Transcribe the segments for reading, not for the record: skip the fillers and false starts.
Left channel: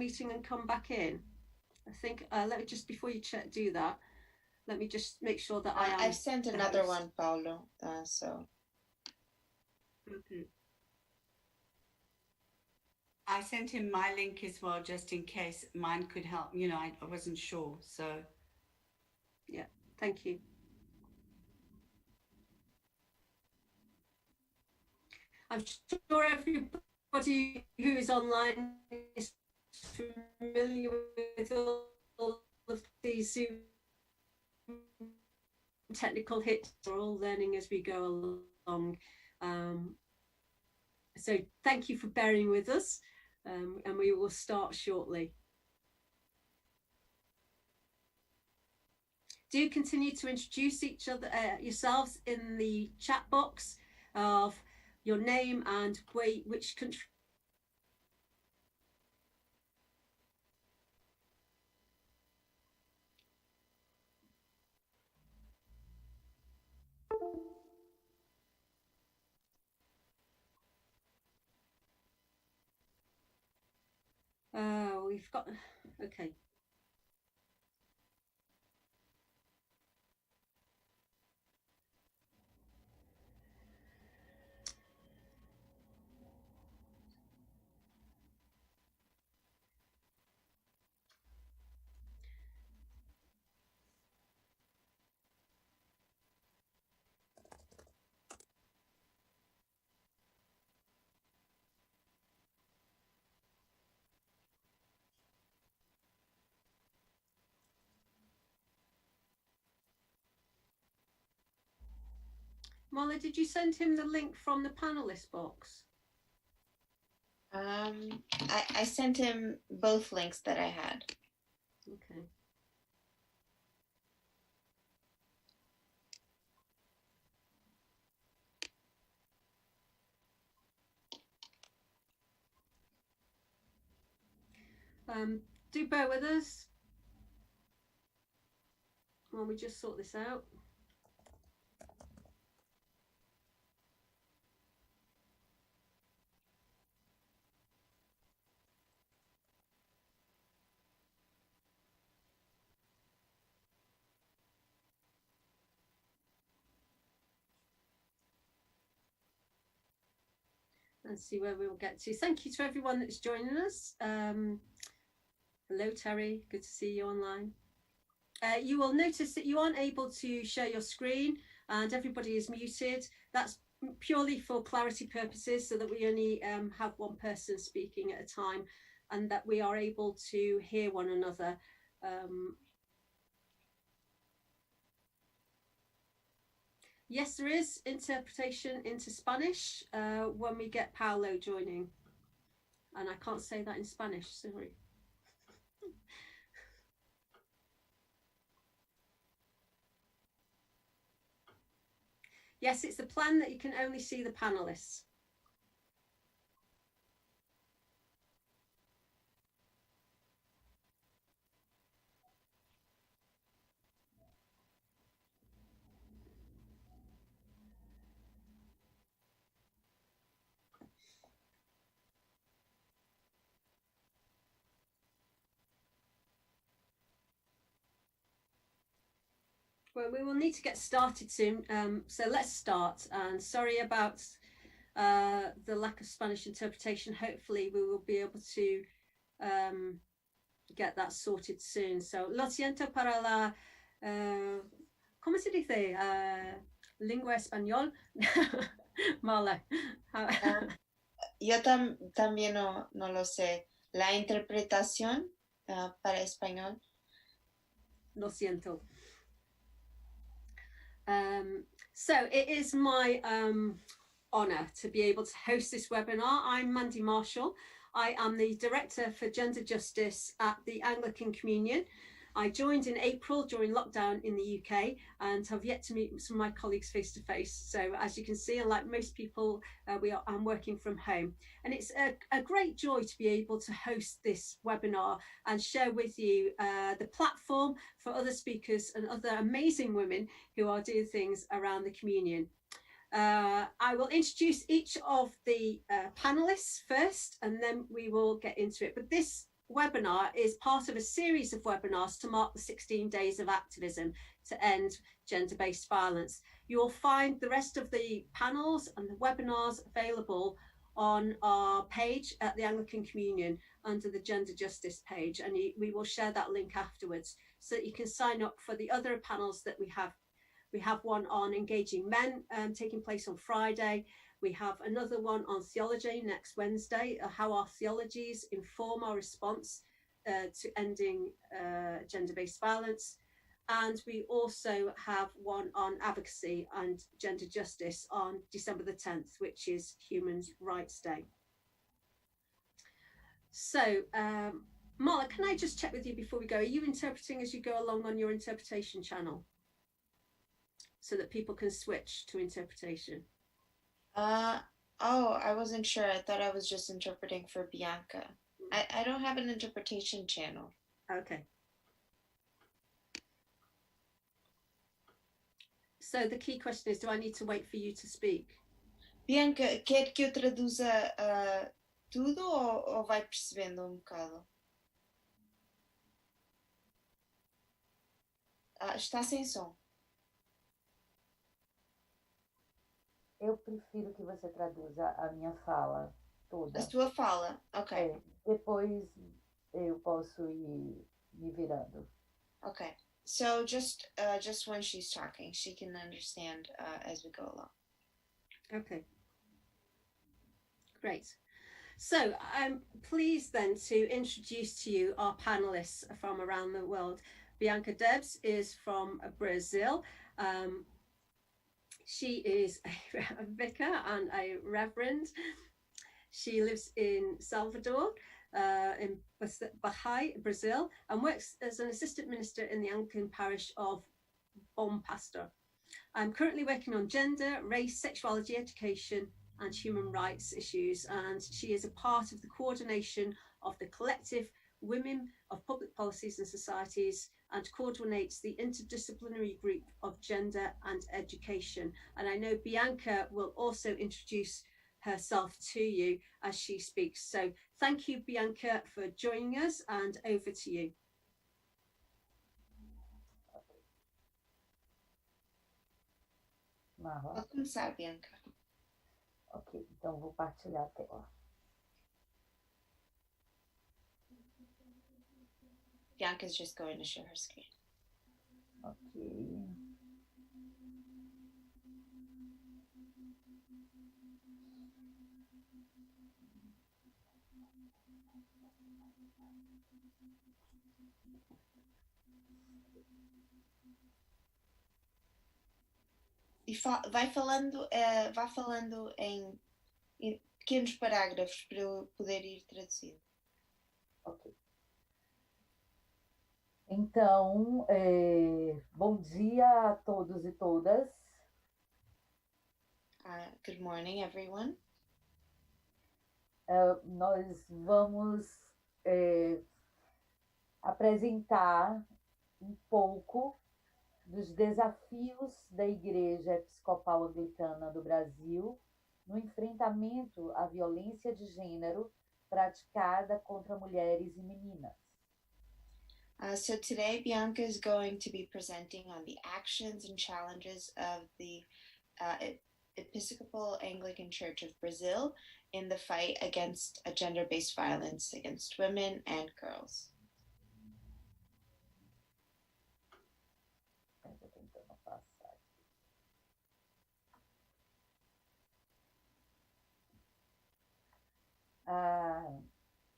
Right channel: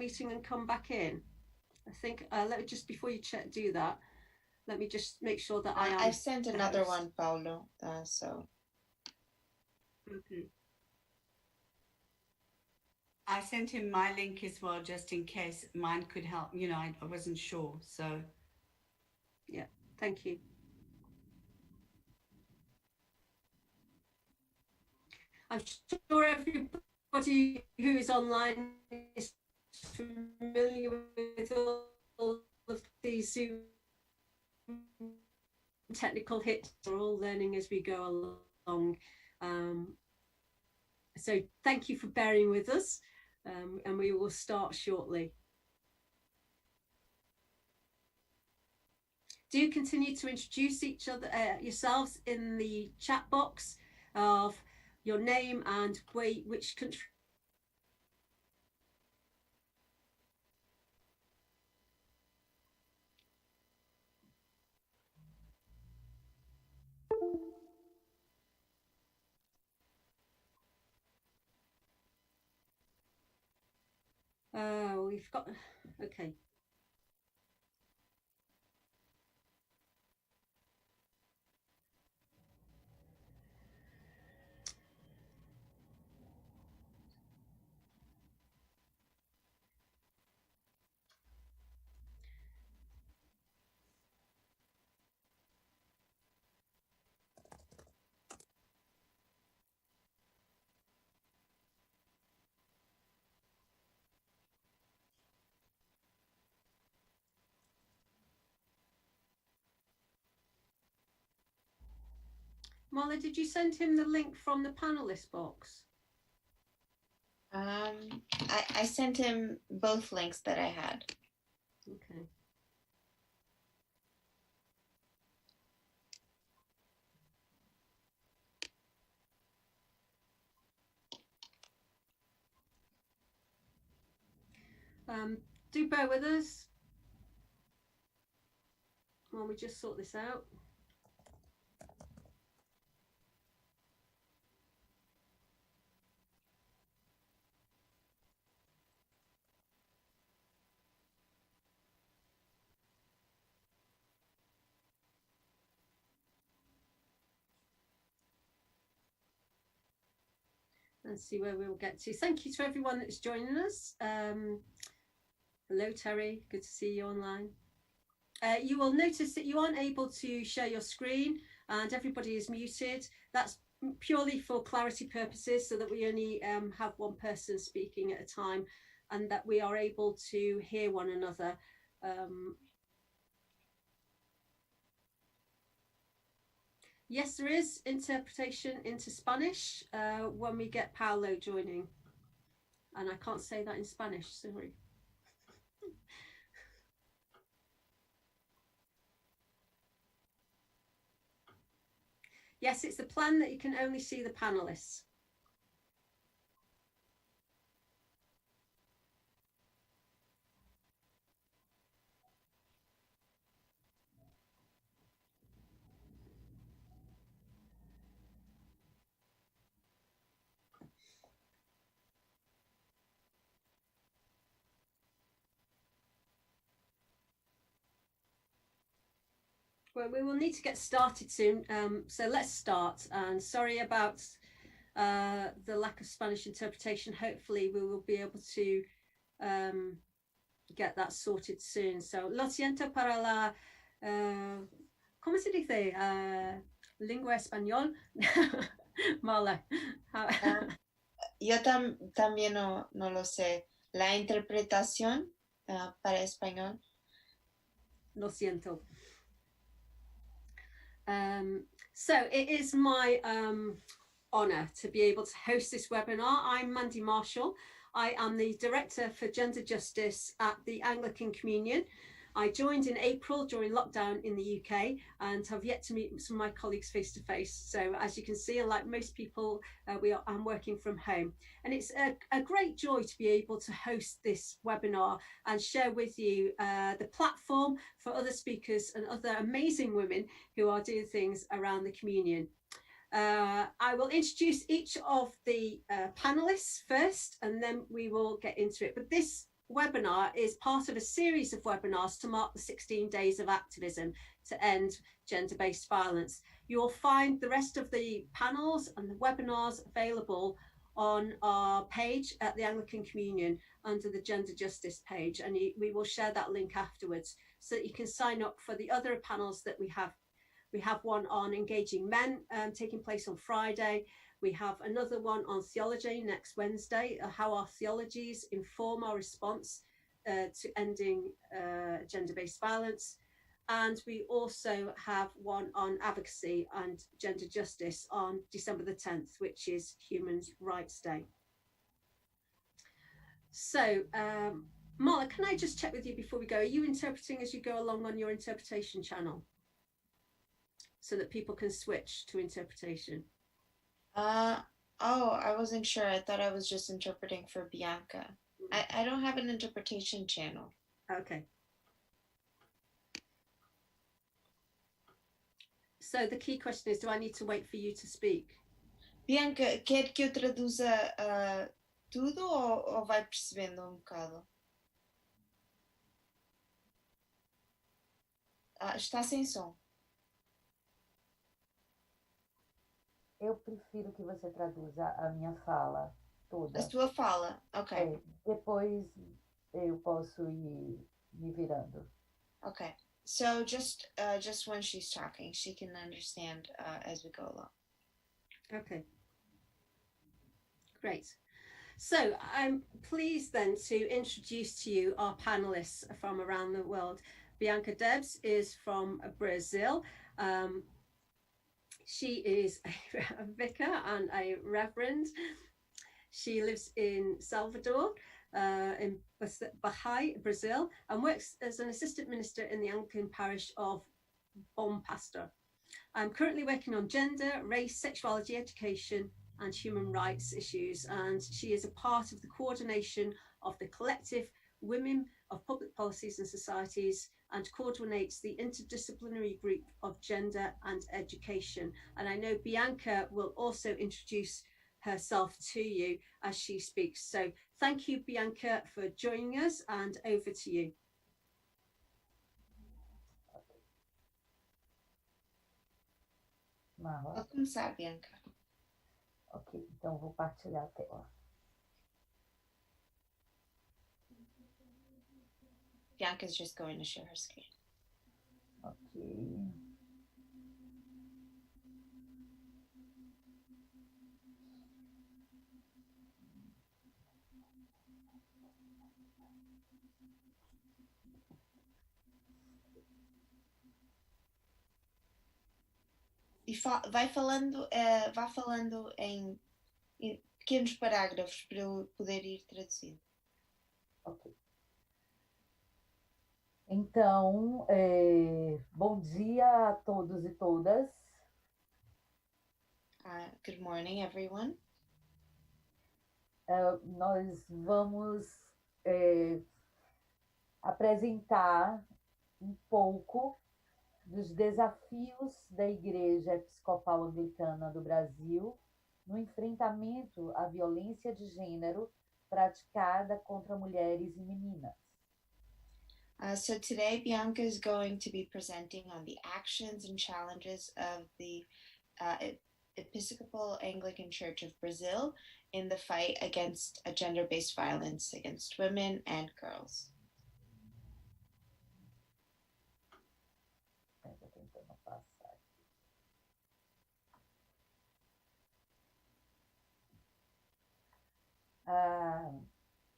meeting and come back in? I think, let me just, before you do that, let me just make sure that I am. I've sent another one, Paulo, so. Okay. I sent him my link as well, just in case mine could help. You know, I wasn't sure, so. Yeah, thank you. I'm sure everybody who is online is familiar with all of these Zoom technical hits. We're all learning as we go along. So thank you for bearing with us, and we will start shortly. Do continue to introduce each other, yourselves in the chat box of your name and which country. We've got, okay. Marla, did you send him the link from the panelist box? I sent him both links that I had. Okay. Do bear with us while we just sort this out. And see where we'll get to. Thank you to everyone that's joining us. Hello, Terry. Good to see you online. You will notice that you aren't able to share your screen and everybody is muted. That's purely for clarity purposes, so that we only have one person speaking at a time and that we are able to hear one another. Yes, there is interpretation into Spanish when we get Paolo joining. And I can't say that in Spanish, sorry. Yes, it's the plan that you can only see the panelists. Well, we will need to get started soon, so let's start. And sorry about the lack of Spanish interpretation. Hopefully we will be able to get that sorted soon. So, lo siento para la, ¿cómo se dice? Lengua español. Marla. Yo también no lo sé. La interpretación para español. Lo siento. So it is my honour to be able to host this webinar. I'm Mandy Marshall. I am the Director for Gender Justice at the Anglican Communion. I joined in April during lockdown in the UK and have yet to meet some of my colleagues face to face. So as you can see, like most people, I'm working from home. And it's a great joy to be able to host this webinar and share with you the platform for other speakers and other amazing women who are doing things around the communion. I will introduce each of the panelists first, and then we will get into it. But this webinar is part of a series of webinars to mark the 16 days of activism to end gender-based violence. You'll find the rest of the panels and the webinars available on our page at the Anglican Communion under the Gender Justice page, and we will share that link afterwards so that you can sign up for the other panels that we have. We have one on engaging men taking place on Friday. We have another one on theology next Wednesday, how our theologies inform our response to ending gender-based violence. And we also have one on advocacy and gender justice on December the 10th, which is Human Rights Day. So, Marla, can I just check with you before we go? Are you interpreting as you go along on your interpretation channel so that people can switch to interpretation? Oh, I wasn't sure. I thought I was just interpreting for Bianca. I don't have an interpretation channel. Okay. So the key question is, do I need to wait for you to speak? Bianca, quer que eu traduza tudo ou vai percebendo bocado? Está sem som. Eu prefiro que você traduza a minha fala toda. A sua fala, ok. Depois eu posso ir me virando. Okay. So just when she's talking, she can understand as we go along. Okay. Great. So I'm pleased then to introduce to you our panelists from around the world. Bianca Debs is from Brazil. She is a vicar and a reverend. She lives in Salvador, in Bahia, Brazil, and works as an assistant minister in the Anglican parish of Bom Pastor. I'm currently working on gender, race, sexuality, education, and human rights issues, and she is a part of the coordination of the collective Women of Public Policies and Societies, and coordinates the interdisciplinary group of gender and education. And I know Bianca will also introduce herself to you as she speaks. So thank you, Bianca, for joining us, and over to you. Marla. Pode começar, Bianca. Ok, então vou partilhar a tela. Bianca's just going to share her screen. Ok. E vá falando em pequenos parágrafos para eu poder ir traduzindo. Ok. Então, bom dia a todos e todas. Good morning, everyone. Nós vamos apresentar um pouco dos desafios da Igreja Episcopal Anglicana do Brasil no enfrentamento à violência de gênero praticada contra mulheres e meninas. So today, Bianca is going to be presenting on the actions and challenges of the Episcopal Anglican Church of Brazil in the fight against gender-based violence against women and girls.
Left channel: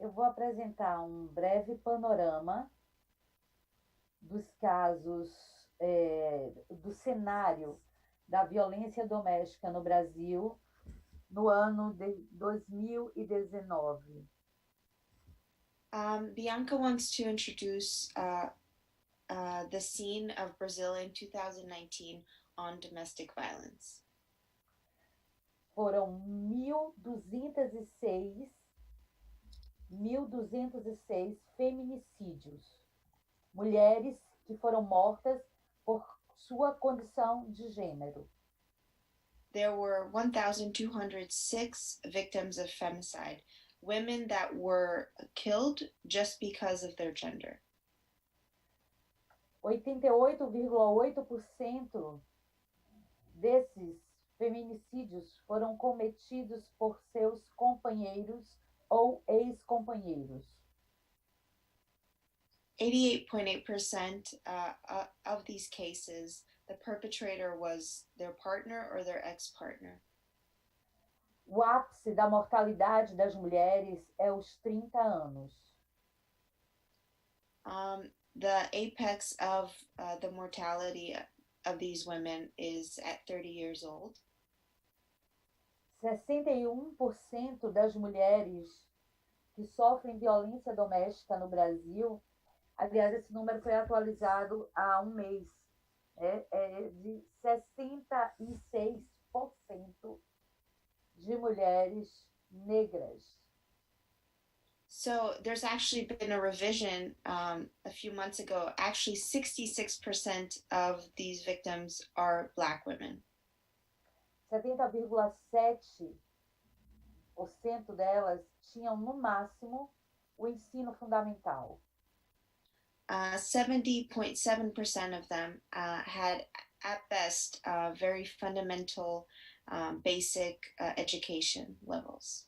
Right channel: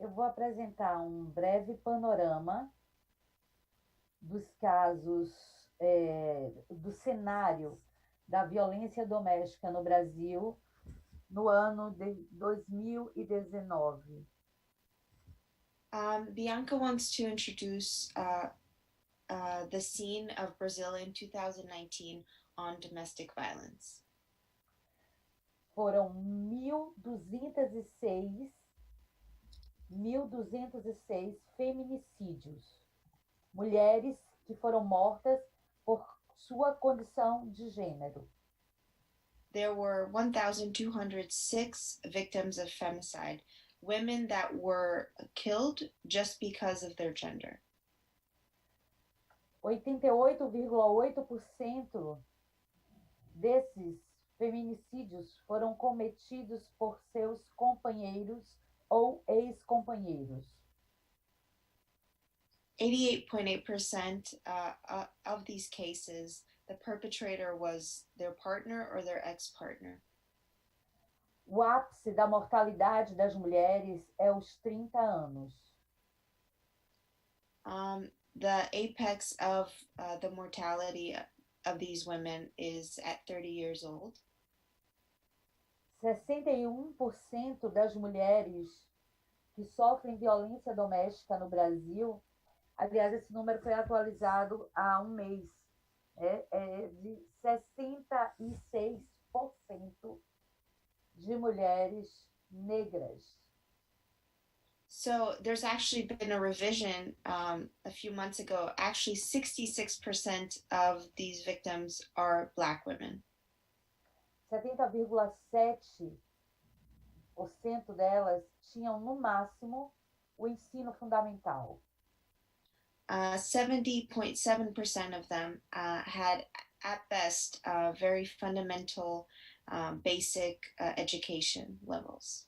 Eu vou apresentar um breve panorama dos casos, do cenário da violência doméstica no Brasil no ano de 2019. Bianca wants to introduce the scene of Brazil in 2019 on domestic violence. Foram 1.206 feminicídios. Mulheres que foram mortas por sua condição de gênero. There were 1,206 victims of femicide, women that were killed just because of their gender. 88,8% desses feminicídios foram cometidos por seus companheiros ou ex-companheiros. 88.8% of these cases, the perpetrator was their partner or their ex-partner. O ápice da mortalidade das mulheres é os 30 anos. The apex of the mortality of these women is at 30 years old. 61% das mulheres que sofrem violência doméstica no Brasil, aliás, esse número foi atualizado há um mês, é de 66% de mulheres negras. So there's actually been a revision a few months ago. Actually, 66% of these victims are Black women. 70,7% delas tinham, no máximo, o ensino fundamental. 70.7% of them had, at best, very fundamental, basic education levels.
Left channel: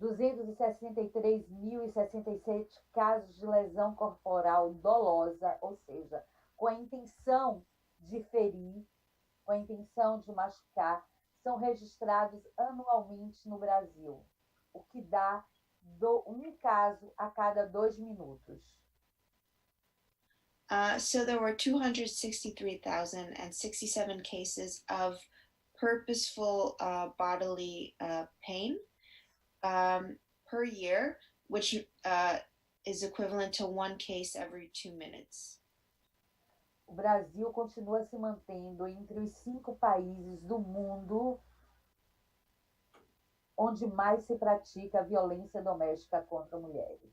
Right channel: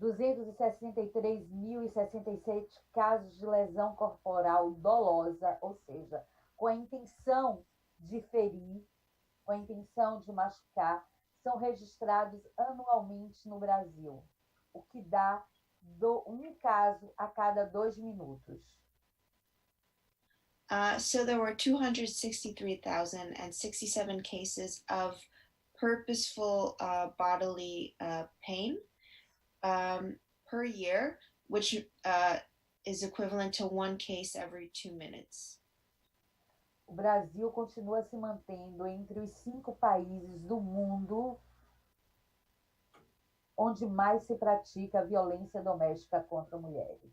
263.067 casos de lesão corporal dolosa, ou seja, com a intenção de ferir, com a intenção de machucar, são registrados anualmente no Brasil, o que dá um caso a cada 2 minutos. So there were 263,067 cases of purposeful bodily pain per year, which is equivalent to 1 case every 2 minutes. O Brasil continua se mantendo entre os 5 países do mundo onde mais se pratica violência doméstica contra mulheres.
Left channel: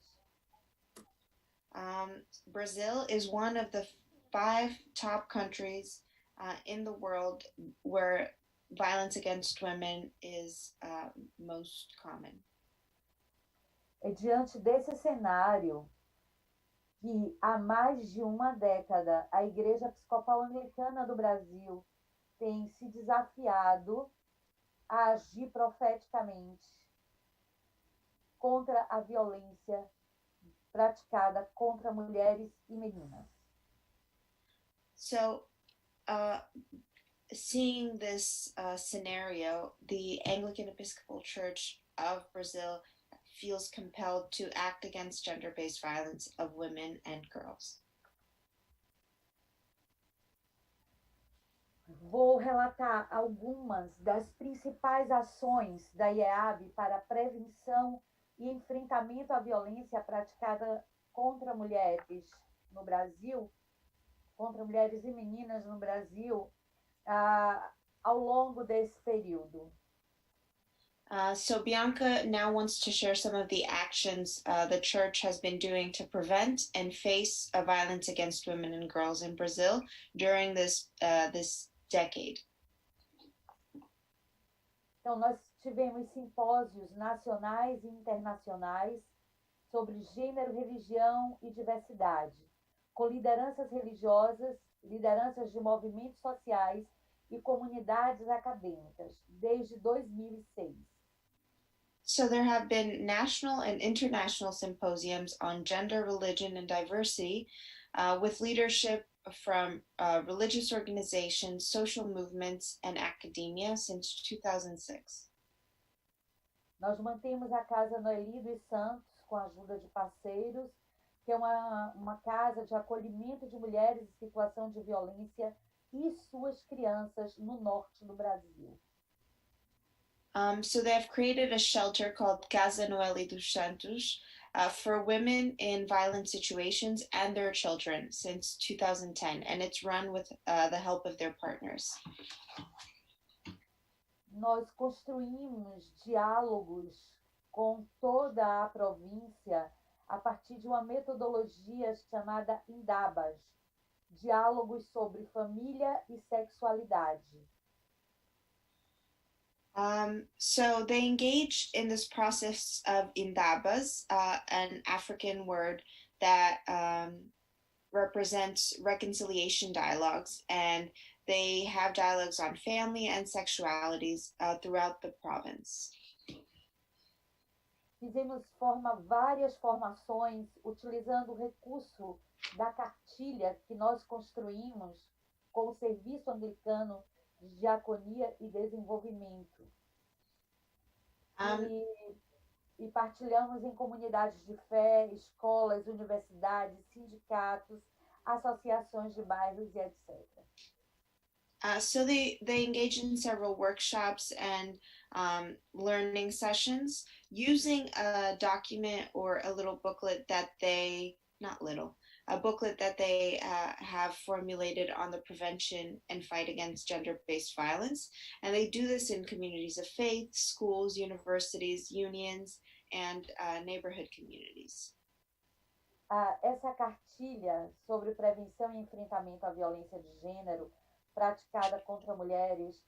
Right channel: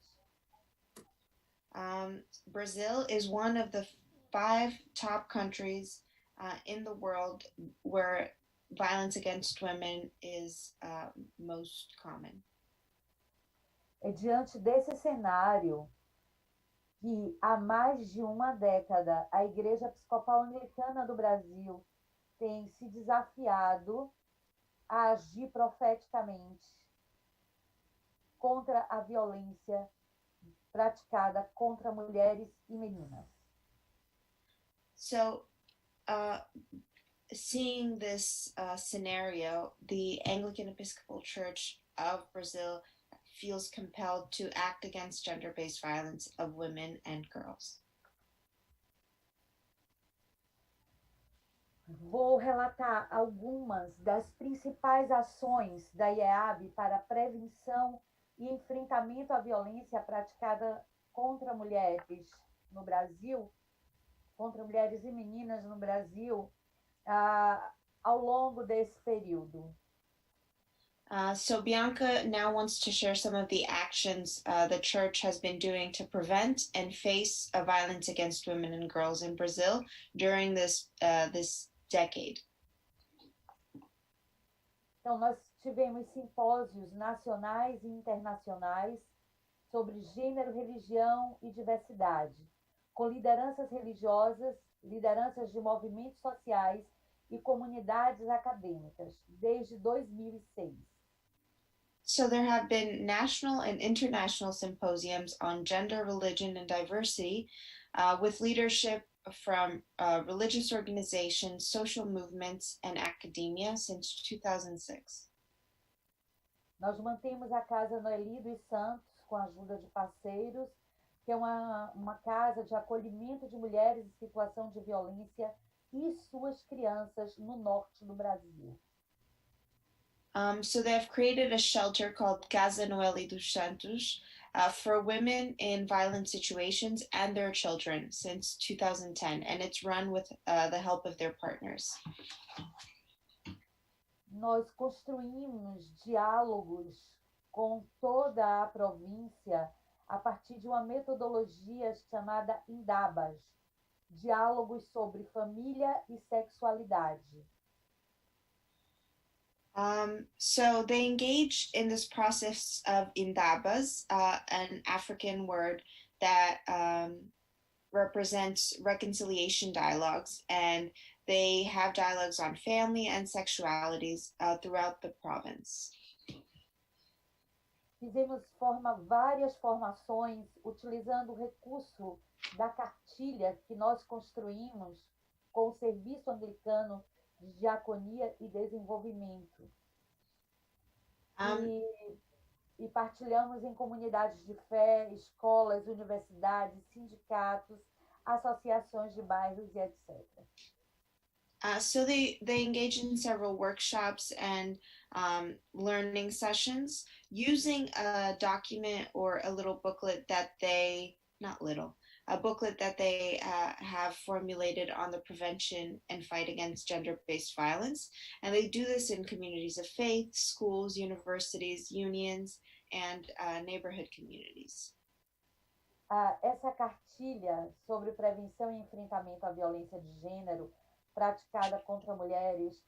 Brazil is one of the 5 top countries in the world where violence against women is most common. É diante desse cenário que há mais de uma década a Igreja Episcopal Anglicana do Brasil tem se desafiado a agir profeticamente contra a violência praticada contra mulheres e meninas. So, seeing this scenario, the Anglican Episcopal Church of Brazil feels compelled to act against gender-based violence of women and girls. Vou relatar algumas das principais ações da IEAB para a prevenção e enfrentamento à violência praticada contra mulheres no Brasil, contra mulheres e meninas no Brasil, ao longo desse período. So Bianca now wants to share some of the actions the church has been doing to prevent and face violence against women and girls in Brazil during this decade. Então, nós tivemos simpósios nacionais e internacionais sobre gênero, religião e diversidade, com lideranças religiosas, lideranças de movimentos sociais e comunidades acadêmicas, desde 2006. So there have been national and international symposiums on gender, religion, and diversity with leadership from religious organizations, social movements, and academia since 2006. Nós mantemos a Casa Noeli dos Santos com a ajuda de parceiros, que é uma casa de acolhimento de mulheres em situação de violência e suas crianças no norte do Brasil. So they've created a shelter called Casa Noeli dos Santos for women in violent situations and their children since 2010, and it's run with the help of their partners. Nós construímos diálogos com toda a província a partir de uma metodologia chamada INDABAS, diálogos sobre família e sexualidade. So they engage in this process of indabas, an African word that represents reconciliation dialogues, and they have dialogues on family and sexualities throughout the province. Fizemos várias formações utilizando o recurso da cartilha que nós construímos com o Serviço Anglicano de Diaconia e Desenvolvimento. E partilhamos em comunidades de fé, escolas, universidades, sindicatos, associações de bairros e etc. So they engage in several workshops and learning sessions using a document or a little booklet that they, a booklet that they have formulated on the prevention and fight against gender-based violence. And they do this in communities of faith, schools, universities, unions, and neighborhood communities. Essa cartilha sobre prevenção e enfrentamento à violência de gênero praticada contra mulheres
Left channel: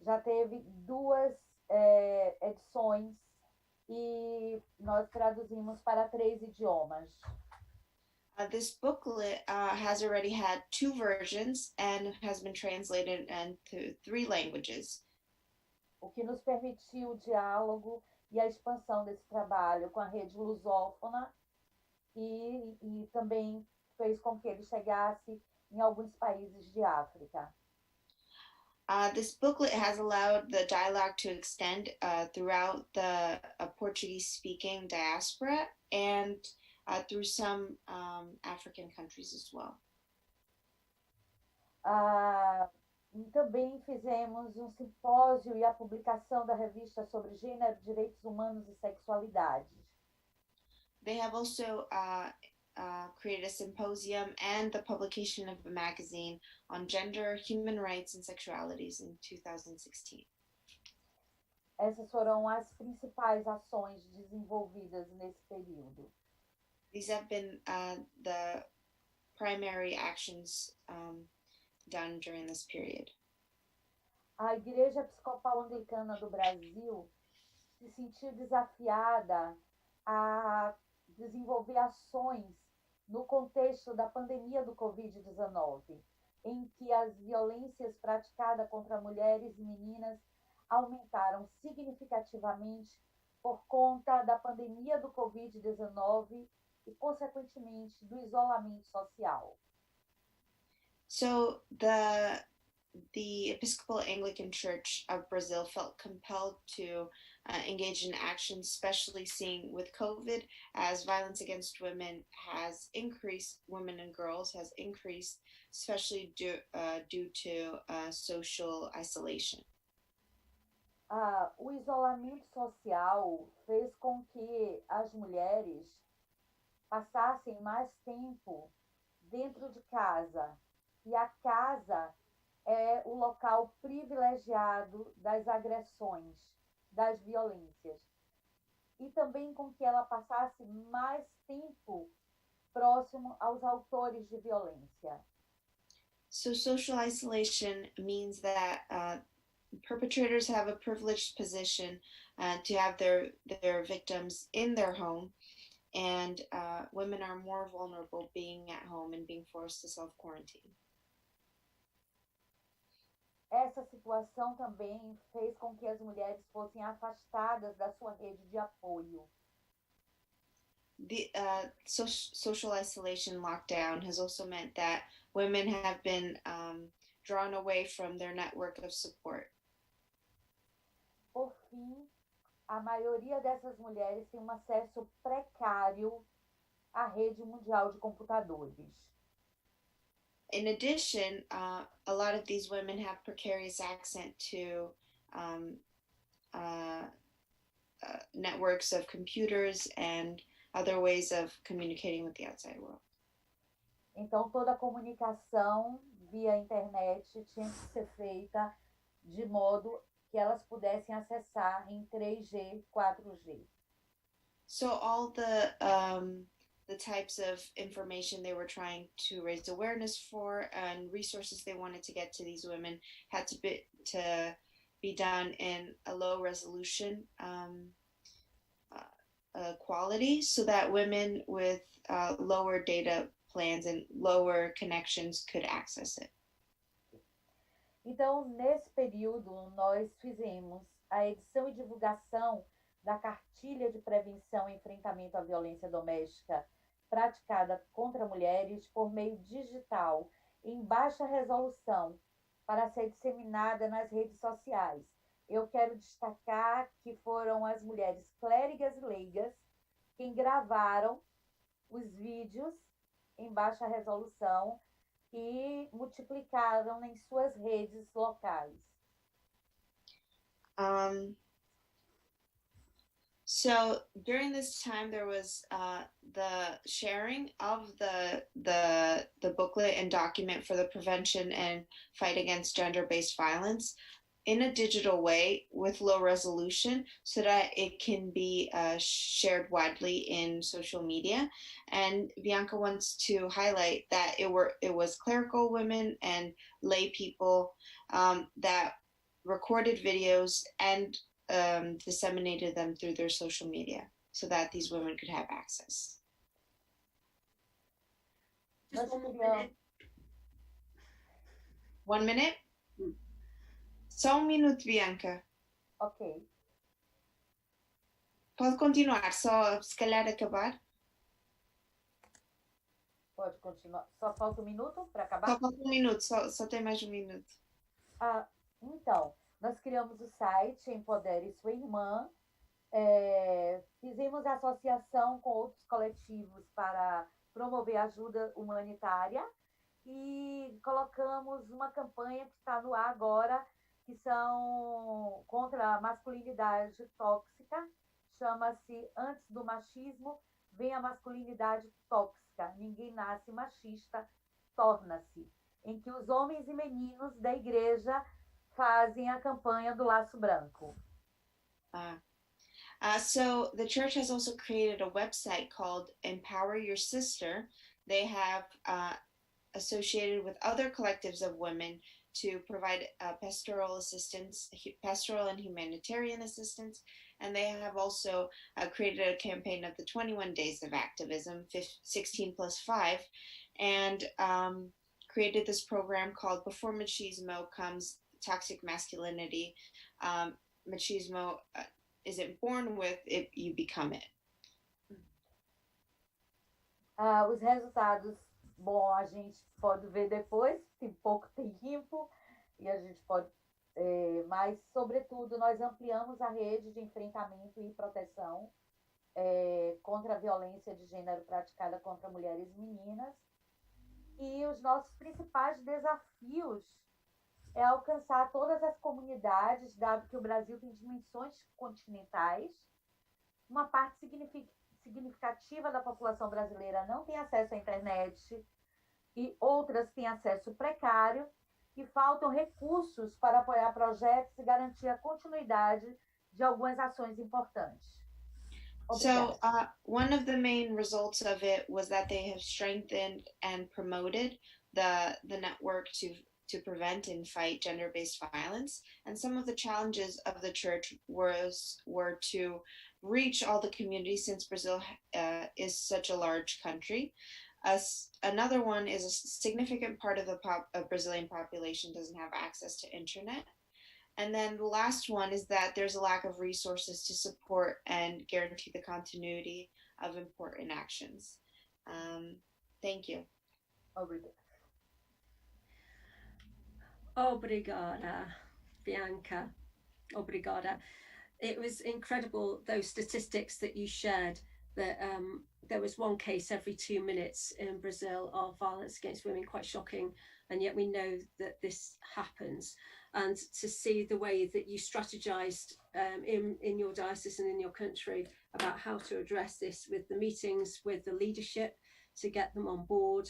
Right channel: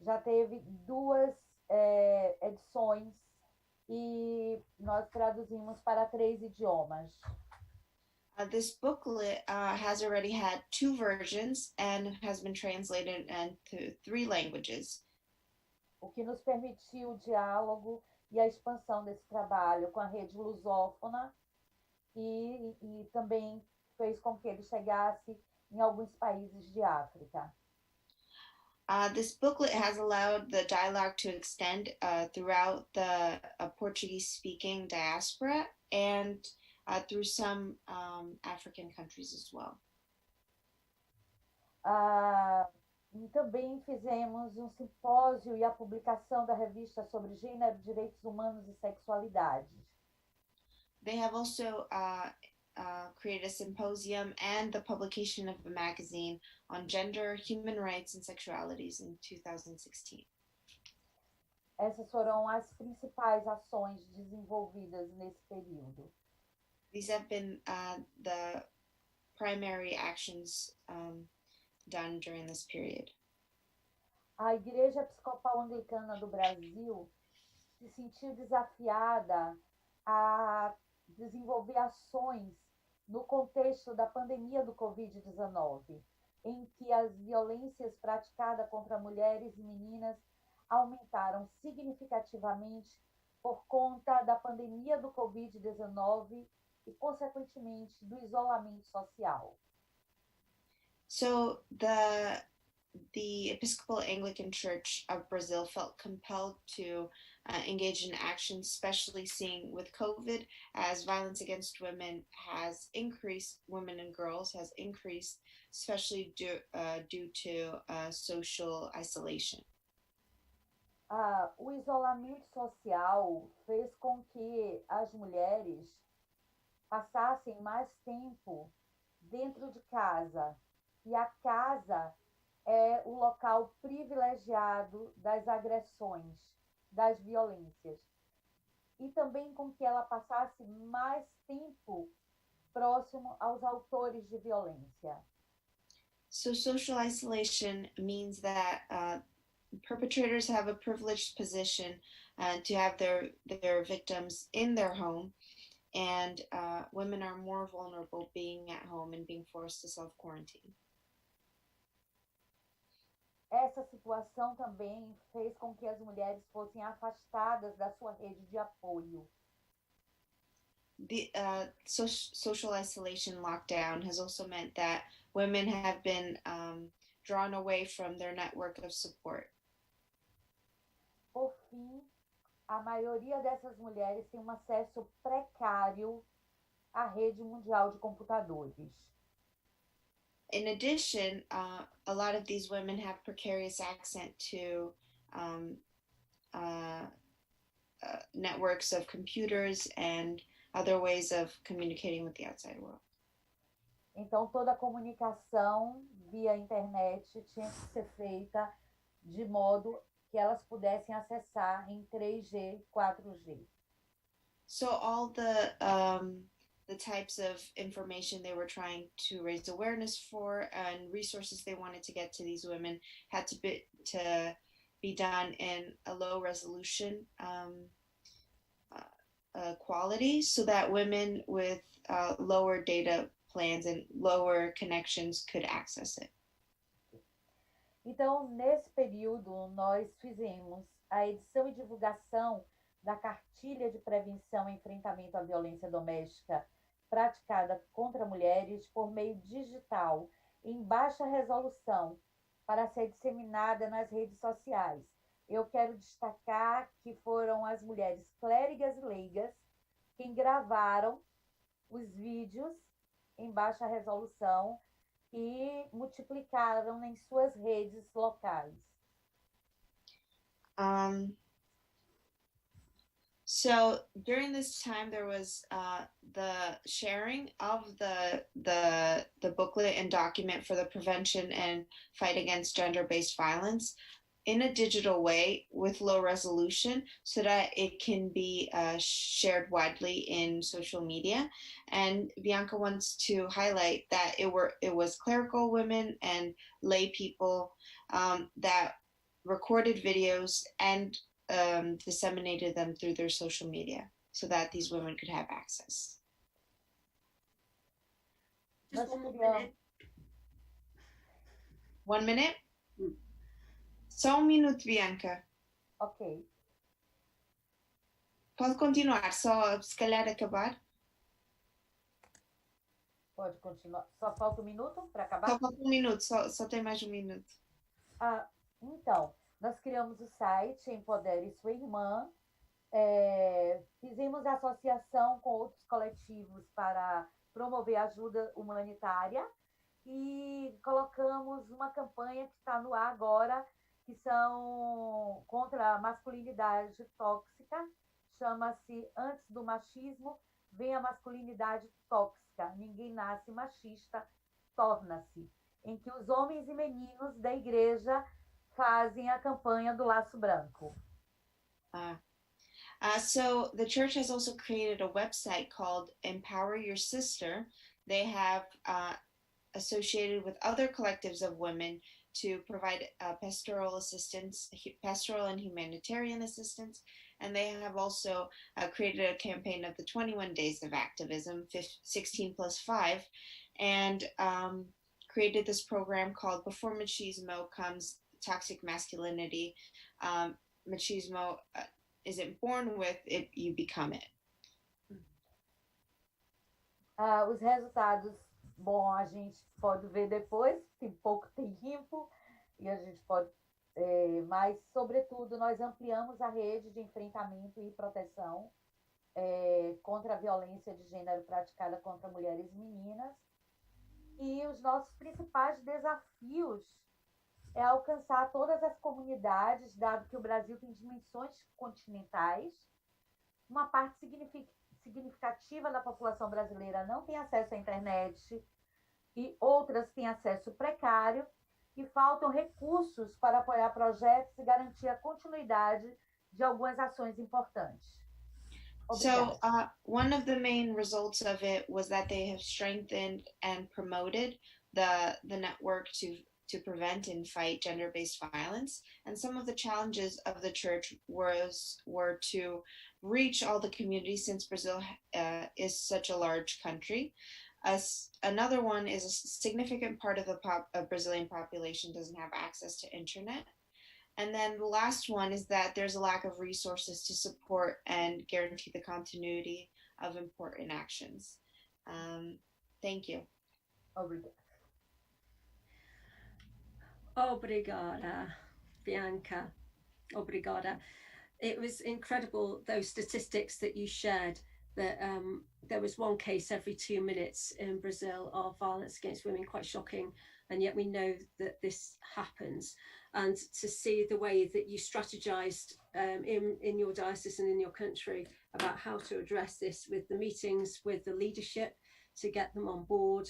já teve 2 edições e nós traduzimos para 3 idiomas. This booklet has already had 2 versions and has been translated into 3 languages. O que nos permitiu o diálogo e a expansão desse trabalho com a rede lusófona e também fez com que ele chegasse em alguns países de África. This booklet has allowed the dialogue to extend throughout the Portuguese-speaking diaspora and through some African countries as well. E também fizemos um simpósio e a publicação da revista sobre gênero, direitos humanos e sexualidade. They have also created a symposium and the publication of a magazine on gender, human rights, and sexualities in 2016. Essas foram as principais ações desenvolvidas nesse período. These have been the primary actions done during this period. A Igreja Episcopal Anglicana do Brasil se sentiu desafiada a desenvolver ações no contexto da pandemia do Covid-19, em que as violências praticadas contra mulheres e meninas aumentaram significativamente por conta da pandemia do Covid-19 e, consequentemente, do isolamento social. So the Episcopal Anglican Church of Brazil felt compelled to engage in action, especially seeing with COVID, as violence against women has increased, women and girls has increased, especially due to social isolation. O isolamento social fez com que as mulheres passassem mais tempo dentro de casa, e a casa é o local privilegiado das agressões, das violências, e também com que ela passasse mais tempo próximo aos autores de violência. So social isolation means that perpetrators have a privileged position to have their victims in their home, and women are more vulnerable being at home and being forced to self-quarantine. Essa situação também fez com que as mulheres fossem afastadas da sua rede de apoio. The social isolation lockdown has also meant that women have been drawn away from their network of support. Por fim, a maioria dessas mulheres tem um acesso precário à rede mundial de computadores. In addition, a lot of these women have precarious access to networks of computers and other ways of communicating with the outside world. Então, toda a comunicação via internet tinha que ser feita de modo que elas pudessem acessar em 3G, 4G. So all the types of information they were trying to raise awareness for and resources they wanted to get to these women had to be done in a low resolution quality so that women with lower data plans and lower connections could access it. Então, nesse período, nós fizemos a edição e divulgação da Cartilha de Prevenção e Enfrentamento à Violência Doméstica praticada contra mulheres por meio digital, em baixa resolução, para ser disseminada nas redes sociais. Eu quero destacar que foram as mulheres clérigas e leigas quem gravaram os vídeos em baixa resolução e multiplicaram em suas redes locais. So during this time, there was the sharing of the booklet and document for the prevention and fight against gender-based violence in a digital way with low resolution so that it can be shared widely in social media. And Bianca wants to highlight that it was clerical women and lay people that recorded videos and disseminated them through their social media so that these women could have access. Just 1 minute. 1 minute? Só minuto, Bianca. Ok. Pode continuar, só se calhar acabar. Pode continuar. Só falta 1 minuto para acabar? Só falta 1 minuto, só tem mais 1 minuto. Então, nós criamos o site Empodere Sua Irmã, fizemos associação com outros coletivos para promover ajuda humanitária e colocamos uma campanha que está no ar agora, que são contra a masculinidade tóxica, chama-se Antes do Machismo, Vem a Masculinidade Tóxica, Ninguém Nasce Machista, Torna-se, em que os homens e meninos da igreja fazem a campanha do Laço Branco. So the church has also created a website called Empower Your Sister. They have associated with other collectives of women to provide pastoral assistance, pastoral and humanitarian assistance. And they have also created a campaign of the 21 Days of Activism, 16+5, and created this program called Before Machismo Comes Toxic Masculinity. Machismo isn't born with it, you become it. Os resultados, bom, a gente pode ver depois, tem pouco tempo, e a gente pode, mas, sobretudo, nós ampliamos a rede de enfrentamento e proteção contra a violência de gênero praticada contra mulheres e meninas, e os nossos principais desafios é alcançar todas as comunidades, dado que o Brasil tem dimensões continentais, uma parte significativa da população brasileira não tem acesso à internet e outras têm acesso precário e faltam recursos para apoiar projetos e garantir a continuidade de algumas ações importantes. So one of the main results of it was that they have strengthened and promoted the network to prevent and fight gender-based violence. And some of the challenges of the church were to reach all the communities, since Brazil is such a large country. Another one is a significant part of the Brazilian population doesn't have access to internet. And then the last one is that there's a lack of resources to support and guarantee the continuity of important actions. Thank you. Obrigada, Bianca. Obrigada. It was incredible, those statistics that you shared, that there was one case every 2 minutes in Brazil of violence against women, quite shocking. And yet we know that this happens. And to see the way that you strategized in your diocese and in your country about how to address this, with the meetings with the leadership to get them on board,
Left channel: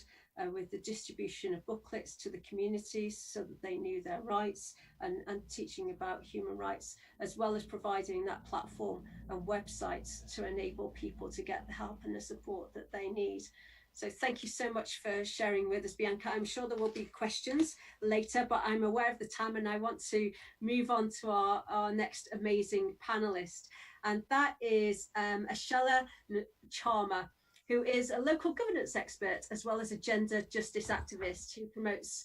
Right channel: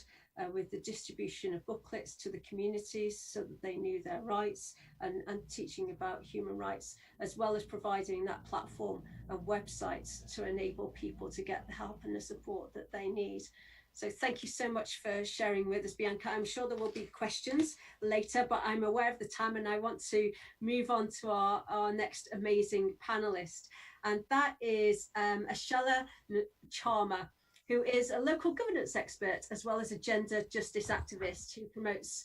with the distribution of booklets to the communities so that they knew their rights, and teaching about human rights, as well as providing that platform and websites to enable people to get the help and the support that they need. So thank you so much for sharing with us, Bianca. I'm sure there will be questions later, but I'm aware of the time and I want to move on to our next amazing panelist. And that is Ashala Charma, who is a local governance expert as well as a gender justice activist who promotes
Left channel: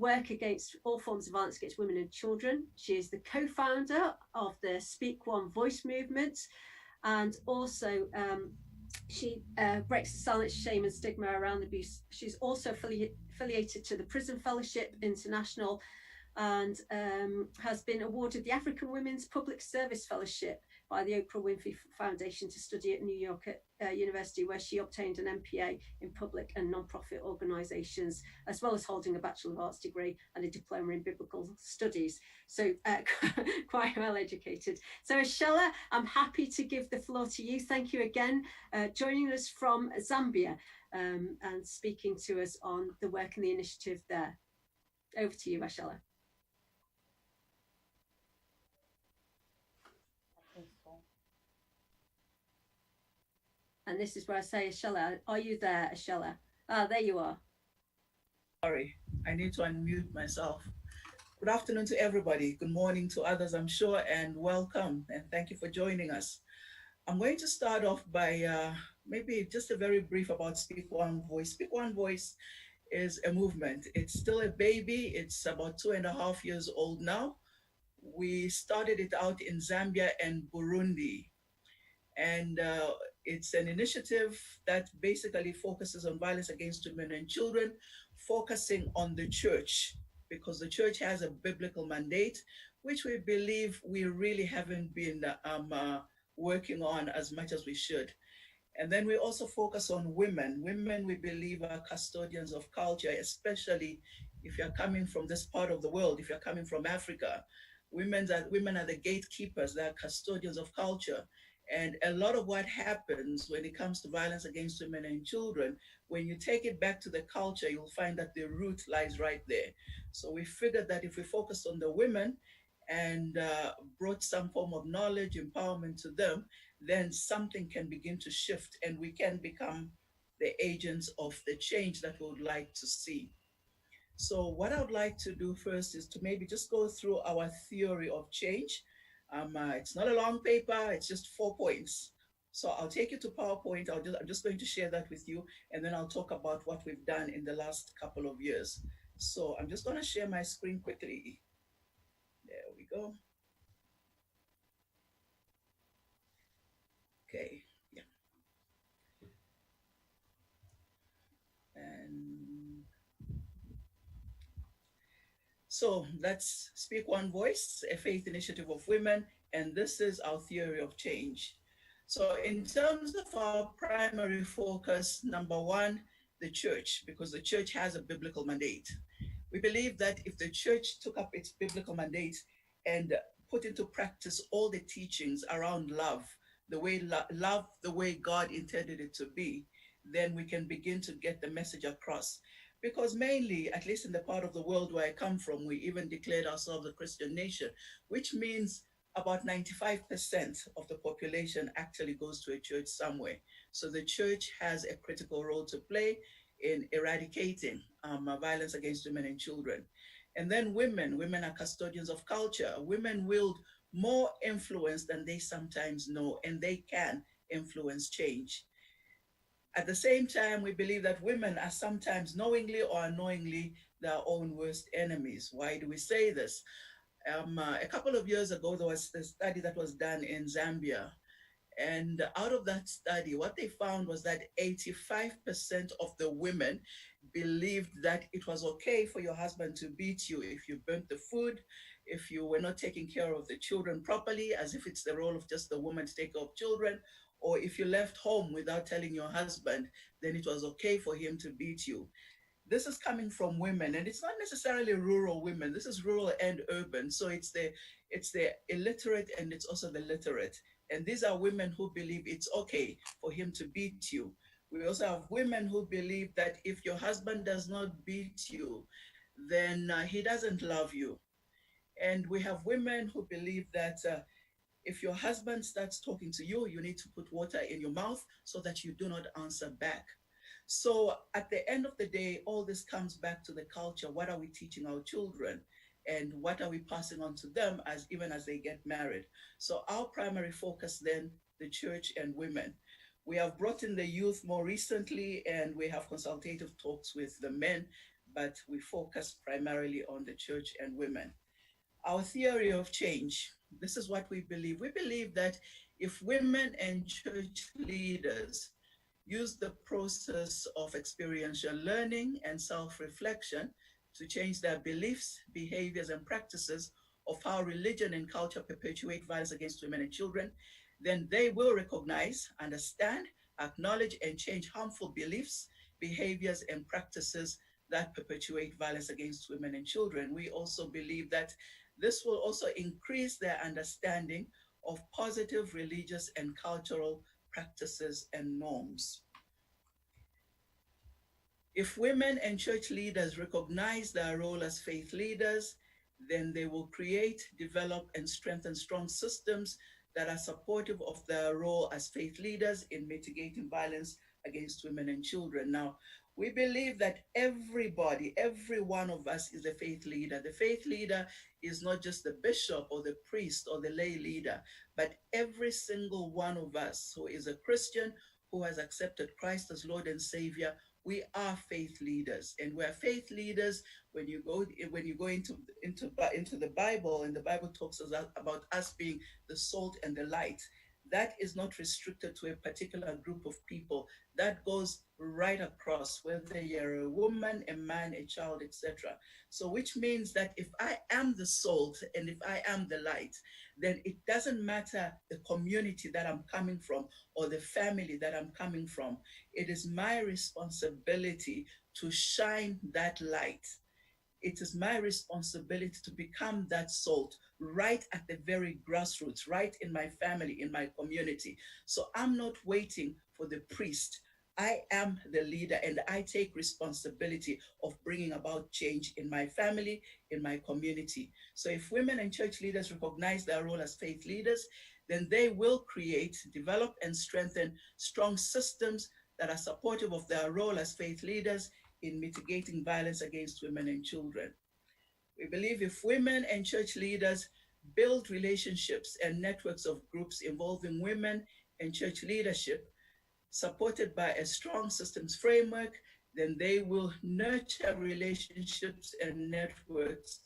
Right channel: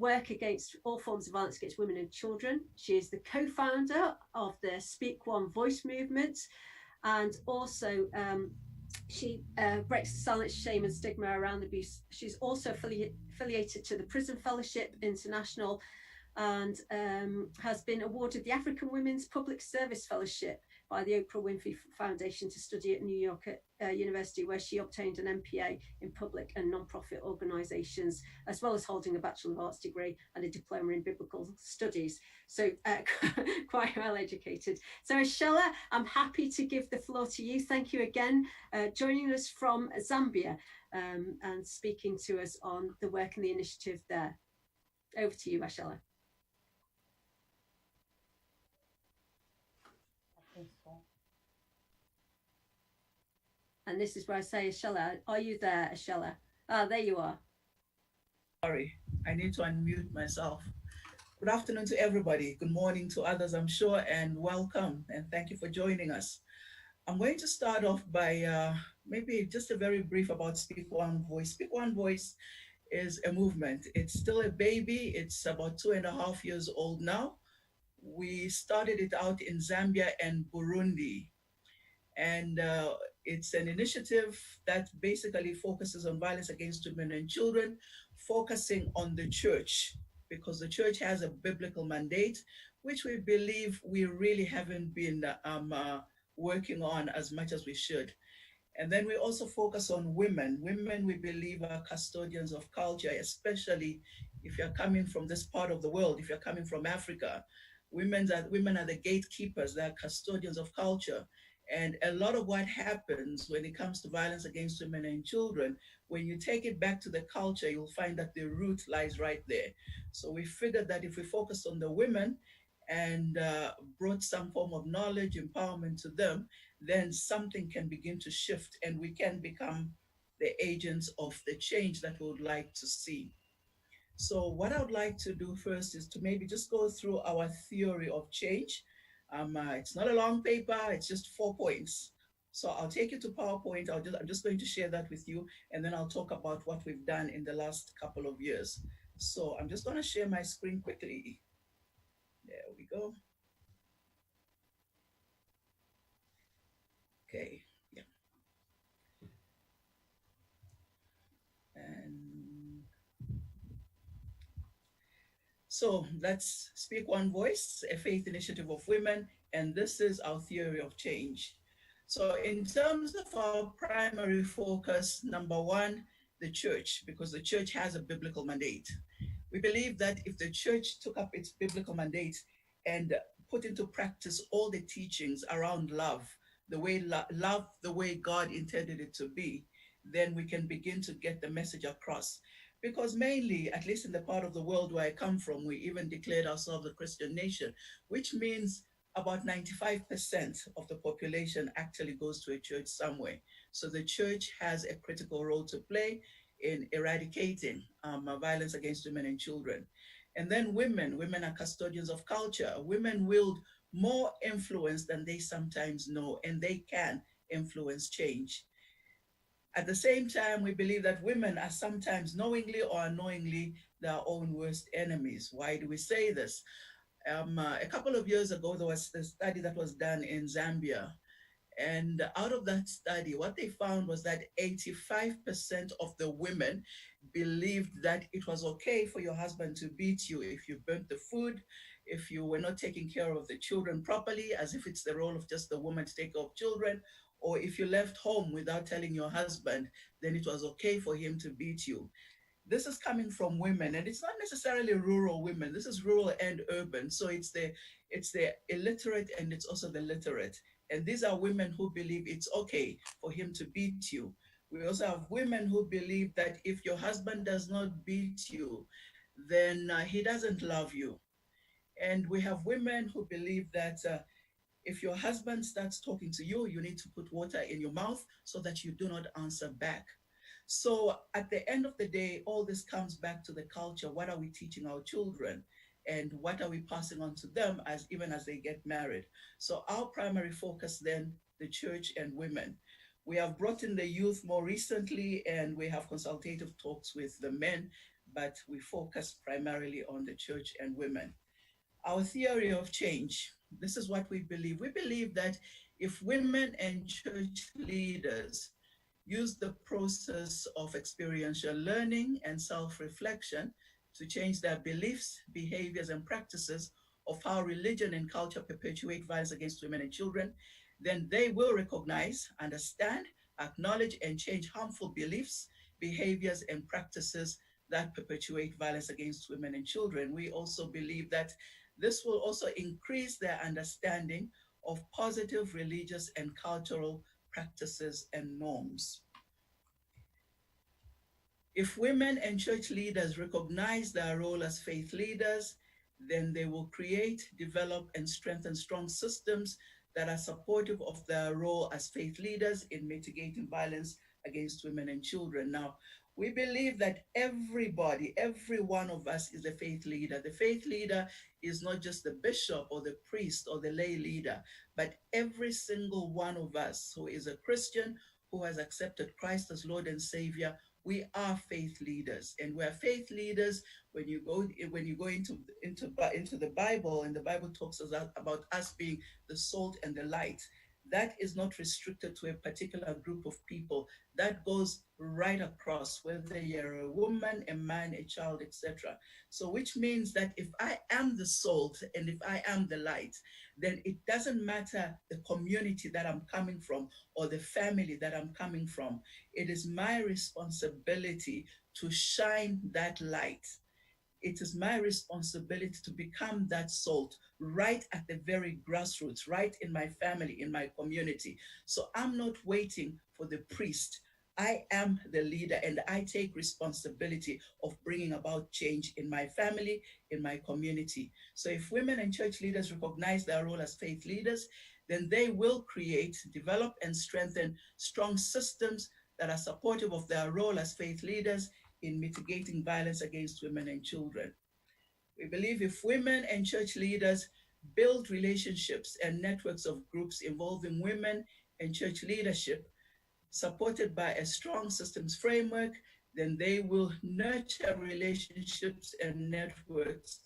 work against all forms of violence against women and children. She is the co-founder of the Speak One Voice movement, and also she breaks the silence, shame and stigma around abuse. She's also affiliated to the Prison Fellowship International and has been awarded the African Women's Public Service Fellowship by the Oprah Winfrey Foundation to study at New York University, where she obtained an MPA in public and non-profit organisations, as well as holding a Bachelor of Arts degree and a diploma in biblical studies. So quite well educated. So Ashala, I'm happy to give the floor to you. Thank you again, joining us from Zambia and speaking to us on the work and the initiative there. Over to you, Ashala. And this is where I say, Ashala, are you there, Ashala? Ah, there you are. Sorry, I need to unmute myself. Good afternoon to everybody. Good morning to others, I'm sure, and welcome. And thank you for joining us. I'm going to start off by maybe just a very brief about Speak One Voice. Speak One Voice is a movement. It's still a baby. It's about 2.5 years old now. We started it out in Zambia and Burundi. And it's an initiative that basically focuses on violence against women and children, focusing on the church, because the church has a biblical mandate, which we believe we really haven't been working on as much as we should. And then we also focus on women. Women, we believe, are custodians of culture, especially if you're coming from this part of the world, if you're coming from Africa. Women are the gatekeepers, they're custodians of culture. And a lot of what happens when it comes to violence against women and children, when you take it back to the culture, you'll find that the root lies right there. So we figured that if we focus on the women and brought some form of knowledge, empowerment to them, then something can begin to shift and we can become the agents of the change that we would like to see. So what I would like to do first is to maybe just go through our theory of change. It's not a long paper, it's just 4 points. So I'll take you to PowerPoint. I'm just going to share that with you, and then I'll talk about what we've done in the last couple of years. So I'm just going to share my screen quickly. There we go. Okay, yeah. And so that's Speak One Voice, a faith initiative of women, and this is our theory of change. So in terms of our primary focus, number one, the church, because the church has a biblical mandate. We believe that if the church took up its biblical mandate and put into practice all the teachings around love, the way love the way God intended it to be, then we can begin to get the message across. Because mainly, at least in the part of the world where I come from, we even declared ourselves a Christian nation, which means about 95% of the population actually goes to a church somewhere. So the church has a critical role to play in eradicating violence against women and children. And then women are custodians of culture. Women wield more influence than they sometimes know, and they can influence change. At the same time, we believe that women are sometimes knowingly or unknowingly their own worst enemies. Why do we say this? A couple of years ago, there was a study that was done in Zambia. And out of that study, what they found was that 85% of the women believed that it was okay for your husband to beat you if you burnt the food, if you were not taking care of the children properly, as if it's the role of just the woman to take care of children, or if you left home without telling your husband, then it was okay for him to beat you. This is coming from women, and it's not necessarily rural women. This is rural and urban. So it's the illiterate and it's also the literate. And these are women who believe it's okay for him to beat you. We also have women who believe that if your husband does not beat you, then he doesn't love you. And we have women who believe that if your husband starts talking to you, you need to put water in your mouth so that you do not answer back. So at the end of the day, all this comes back to the culture. What are we teaching our children? And what are we passing on to them as even as they get married? So our primary focus then, the church and women. We have brought in the youth more recently, and we have consultative talks with the men, but we focus primarily on the church and women. Our theory of change, this is what we believe. We believe that if women and church leaders use the process of experiential learning and self-reflection to change their beliefs, behaviors, and practices of how religion and culture perpetuate violence against women and children, then they will recognize, understand, acknowledge, and change harmful beliefs, behaviors, and practices that perpetuate violence against women and children. We also believe that this will also increase their understanding of positive religious and cultural practices and norms. If women and church leaders recognize their role as faith leaders, then they will create, develop, and strengthen strong systems that are supportive of their role as faith leaders in mitigating violence against women and children. Now, we believe that everybody, every one of us is a faith leader. The faith leader is not just the bishop or the priest or the lay leader, but every single one of us who is a Christian, who has accepted Christ as Lord and Savior, we are faith leaders. And we're faith leaders when you go into the Bible, and the Bible talks about us being the salt and the light. That is not restricted to a particular group of people. That goes right across, whether you're a woman, a man, a child, etc. So which means that if I am the salt and if I am the light, then it doesn't matter the community that I'm coming from or the family that I'm coming from. It is my responsibility to shine that light. It is my responsibility to become that salt right at the very grassroots, right in my family, in my community. So I'm not waiting for the priest. I am the leader, and I take responsibility of bringing about change in my family, in my community. So if women and church leaders recognize their role as faith leaders, then they will create, develop, and strengthen strong systems that are supportive of their role as faith leaders in mitigating violence against women and children. We believe if women and church leaders build relationships and networks of groups involving women and church leadership, supported by a strong systems framework, then they will nurture relationships and networks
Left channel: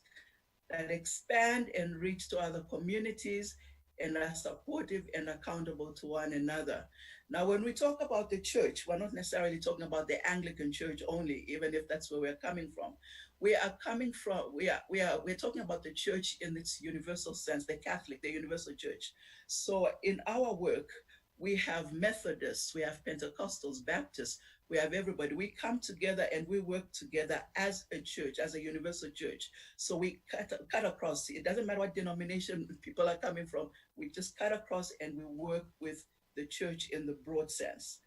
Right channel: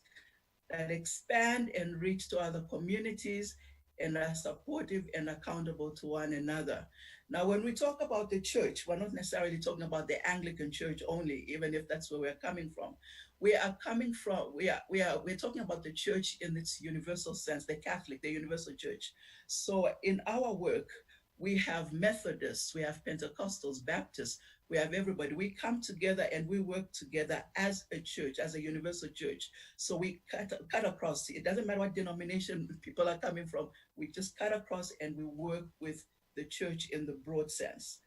that expand and reach to other communities and are supportive and accountable to one another. Now, when we talk about the church, we're not necessarily talking about the Anglican Church only, even if that's where we're coming from. We're talking about the church in its universal sense, the Catholic, the universal church. So in our work, we have Methodists, we have Pentecostals, Baptists, we have everybody. We come together and we work together as a church, as a universal church. So we cut across. It doesn't matter what denomination people are coming from. We just cut across and we work with the church in the broad sense.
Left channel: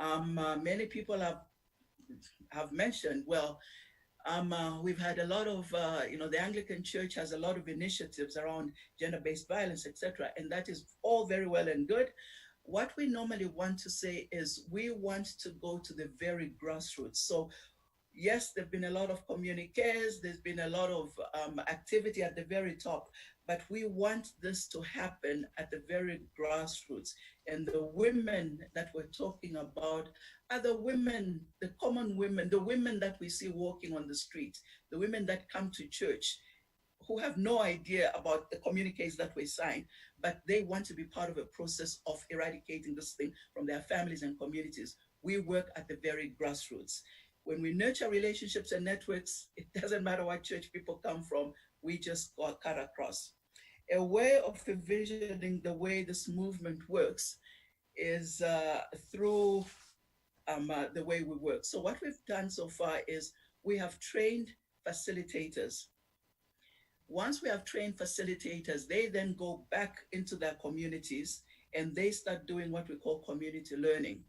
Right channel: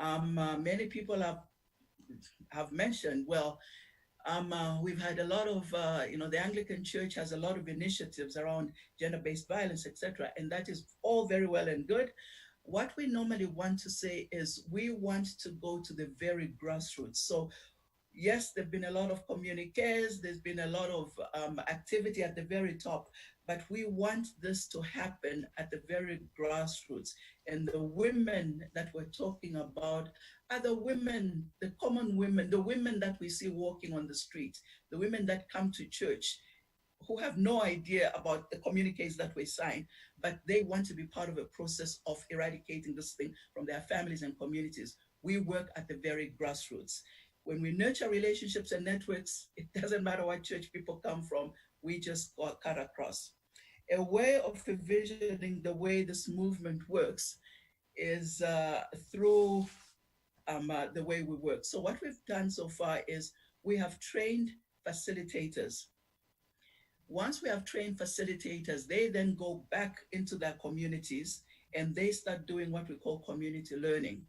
Many people have mentioned, well, we've had a lot of, the Anglican Church has a lot of initiatives around gender-based violence, etc., and that is all very well and good. What we normally want to say is we want to go to the very grassroots. So yes, there've been a lot of communiques, there's been a lot of activity at the very top, but we want this to happen at the very grassroots. And the women that we're talking about are the women, the common women, the women that we see walking on the street, the women that come to church, who have no idea about the communiques that we sign, but they want to be part of a process of eradicating this thing from their families and communities. We work at the very grassroots. When we nurture relationships and networks, it doesn't matter what church people come from, we just cut across. A way of envisioning the way this movement works is through the way we work. So what we've done so far is we have trained facilitators. Once we have trained facilitators, they then go back into their communities and they start doing what we call community learning.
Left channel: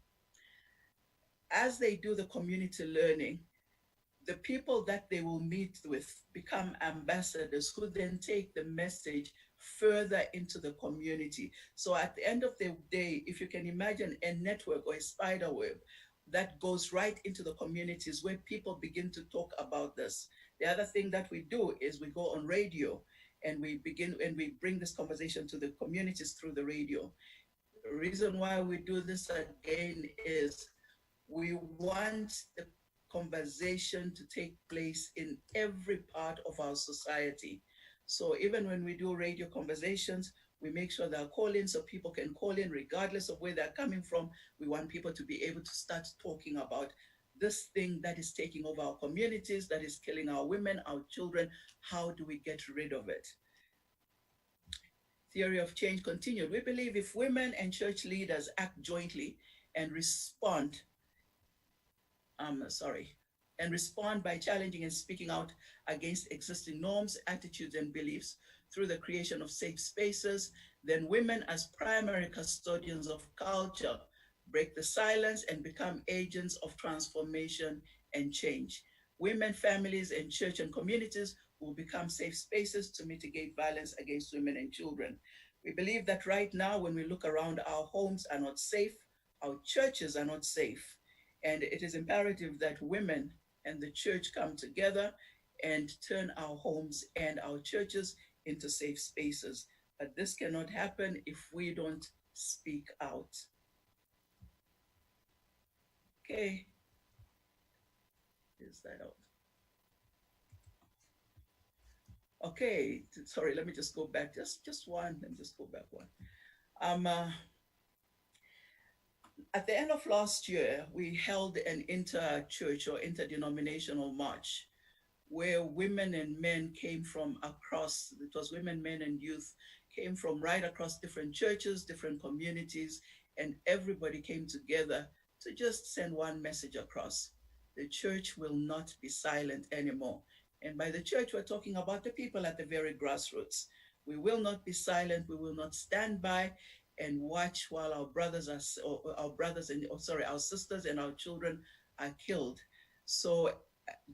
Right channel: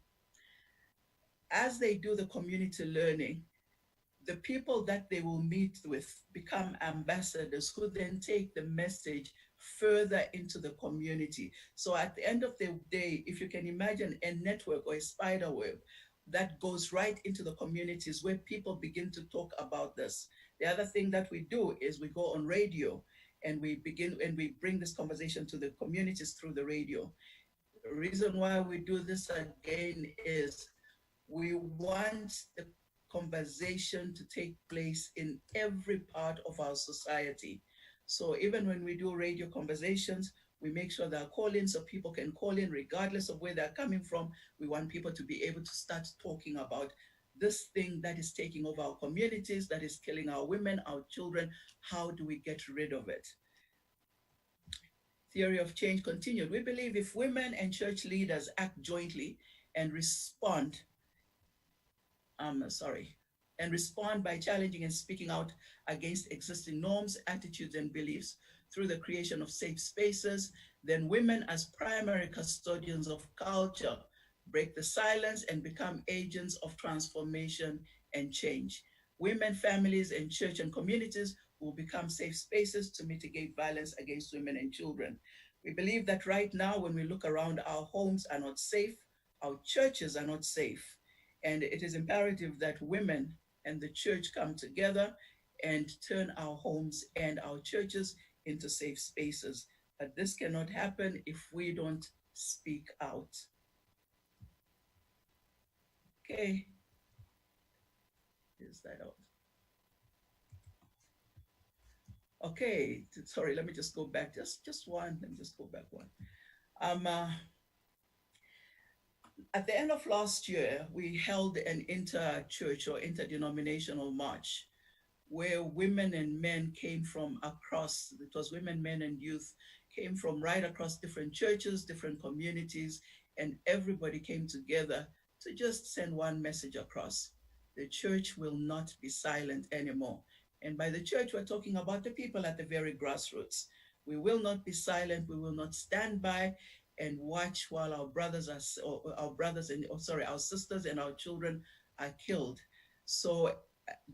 As they do the community learning, the people that they will meet with become ambassadors who then take the message further into the community. So at the end of the day, if you can imagine a network or a spider web, that goes right into the communities where people begin to talk about this. The other thing that we do is we go on radio and we bring this conversation to the communities through the radio. The reason why we do this again is we want the conversation to take place in every part of our society. So even when we do radio conversations, we make sure there are call-ins so people can call in regardless of where they're coming from. We want people to be able to start talking about this thing that is taking over our communities, that is killing our women, our children. How do we get rid of it? Theory of change continued. We believe if women and church leaders act jointly and respond by challenging and speaking out against existing norms, attitudes, and beliefs through the creation of safe spaces, then women as primary custodians of culture break the silence and become agents of transformation and change. Women, families, and church and communities will become safe spaces to mitigate violence against women and children. We believe that right now, when we look around, our homes are not safe, our churches are not safe. And it is imperative that women and the church come together and turn our homes and our churches into safe spaces. But this cannot happen if we don't speak out. Okay. Is that out? Okay, sorry, let me just go back. Just one, let me just go back one. At the end of last year, we held an inter-church or interdenominational march where women and men came from across, it was women, men, and youth, came from right across different churches, different communities, and everybody came together to just send one message across. The church will not be silent anymore. And by the church, we're talking about the people at the very grassroots. We will not be silent. We will not stand by and watch while our sisters and our children are killed. So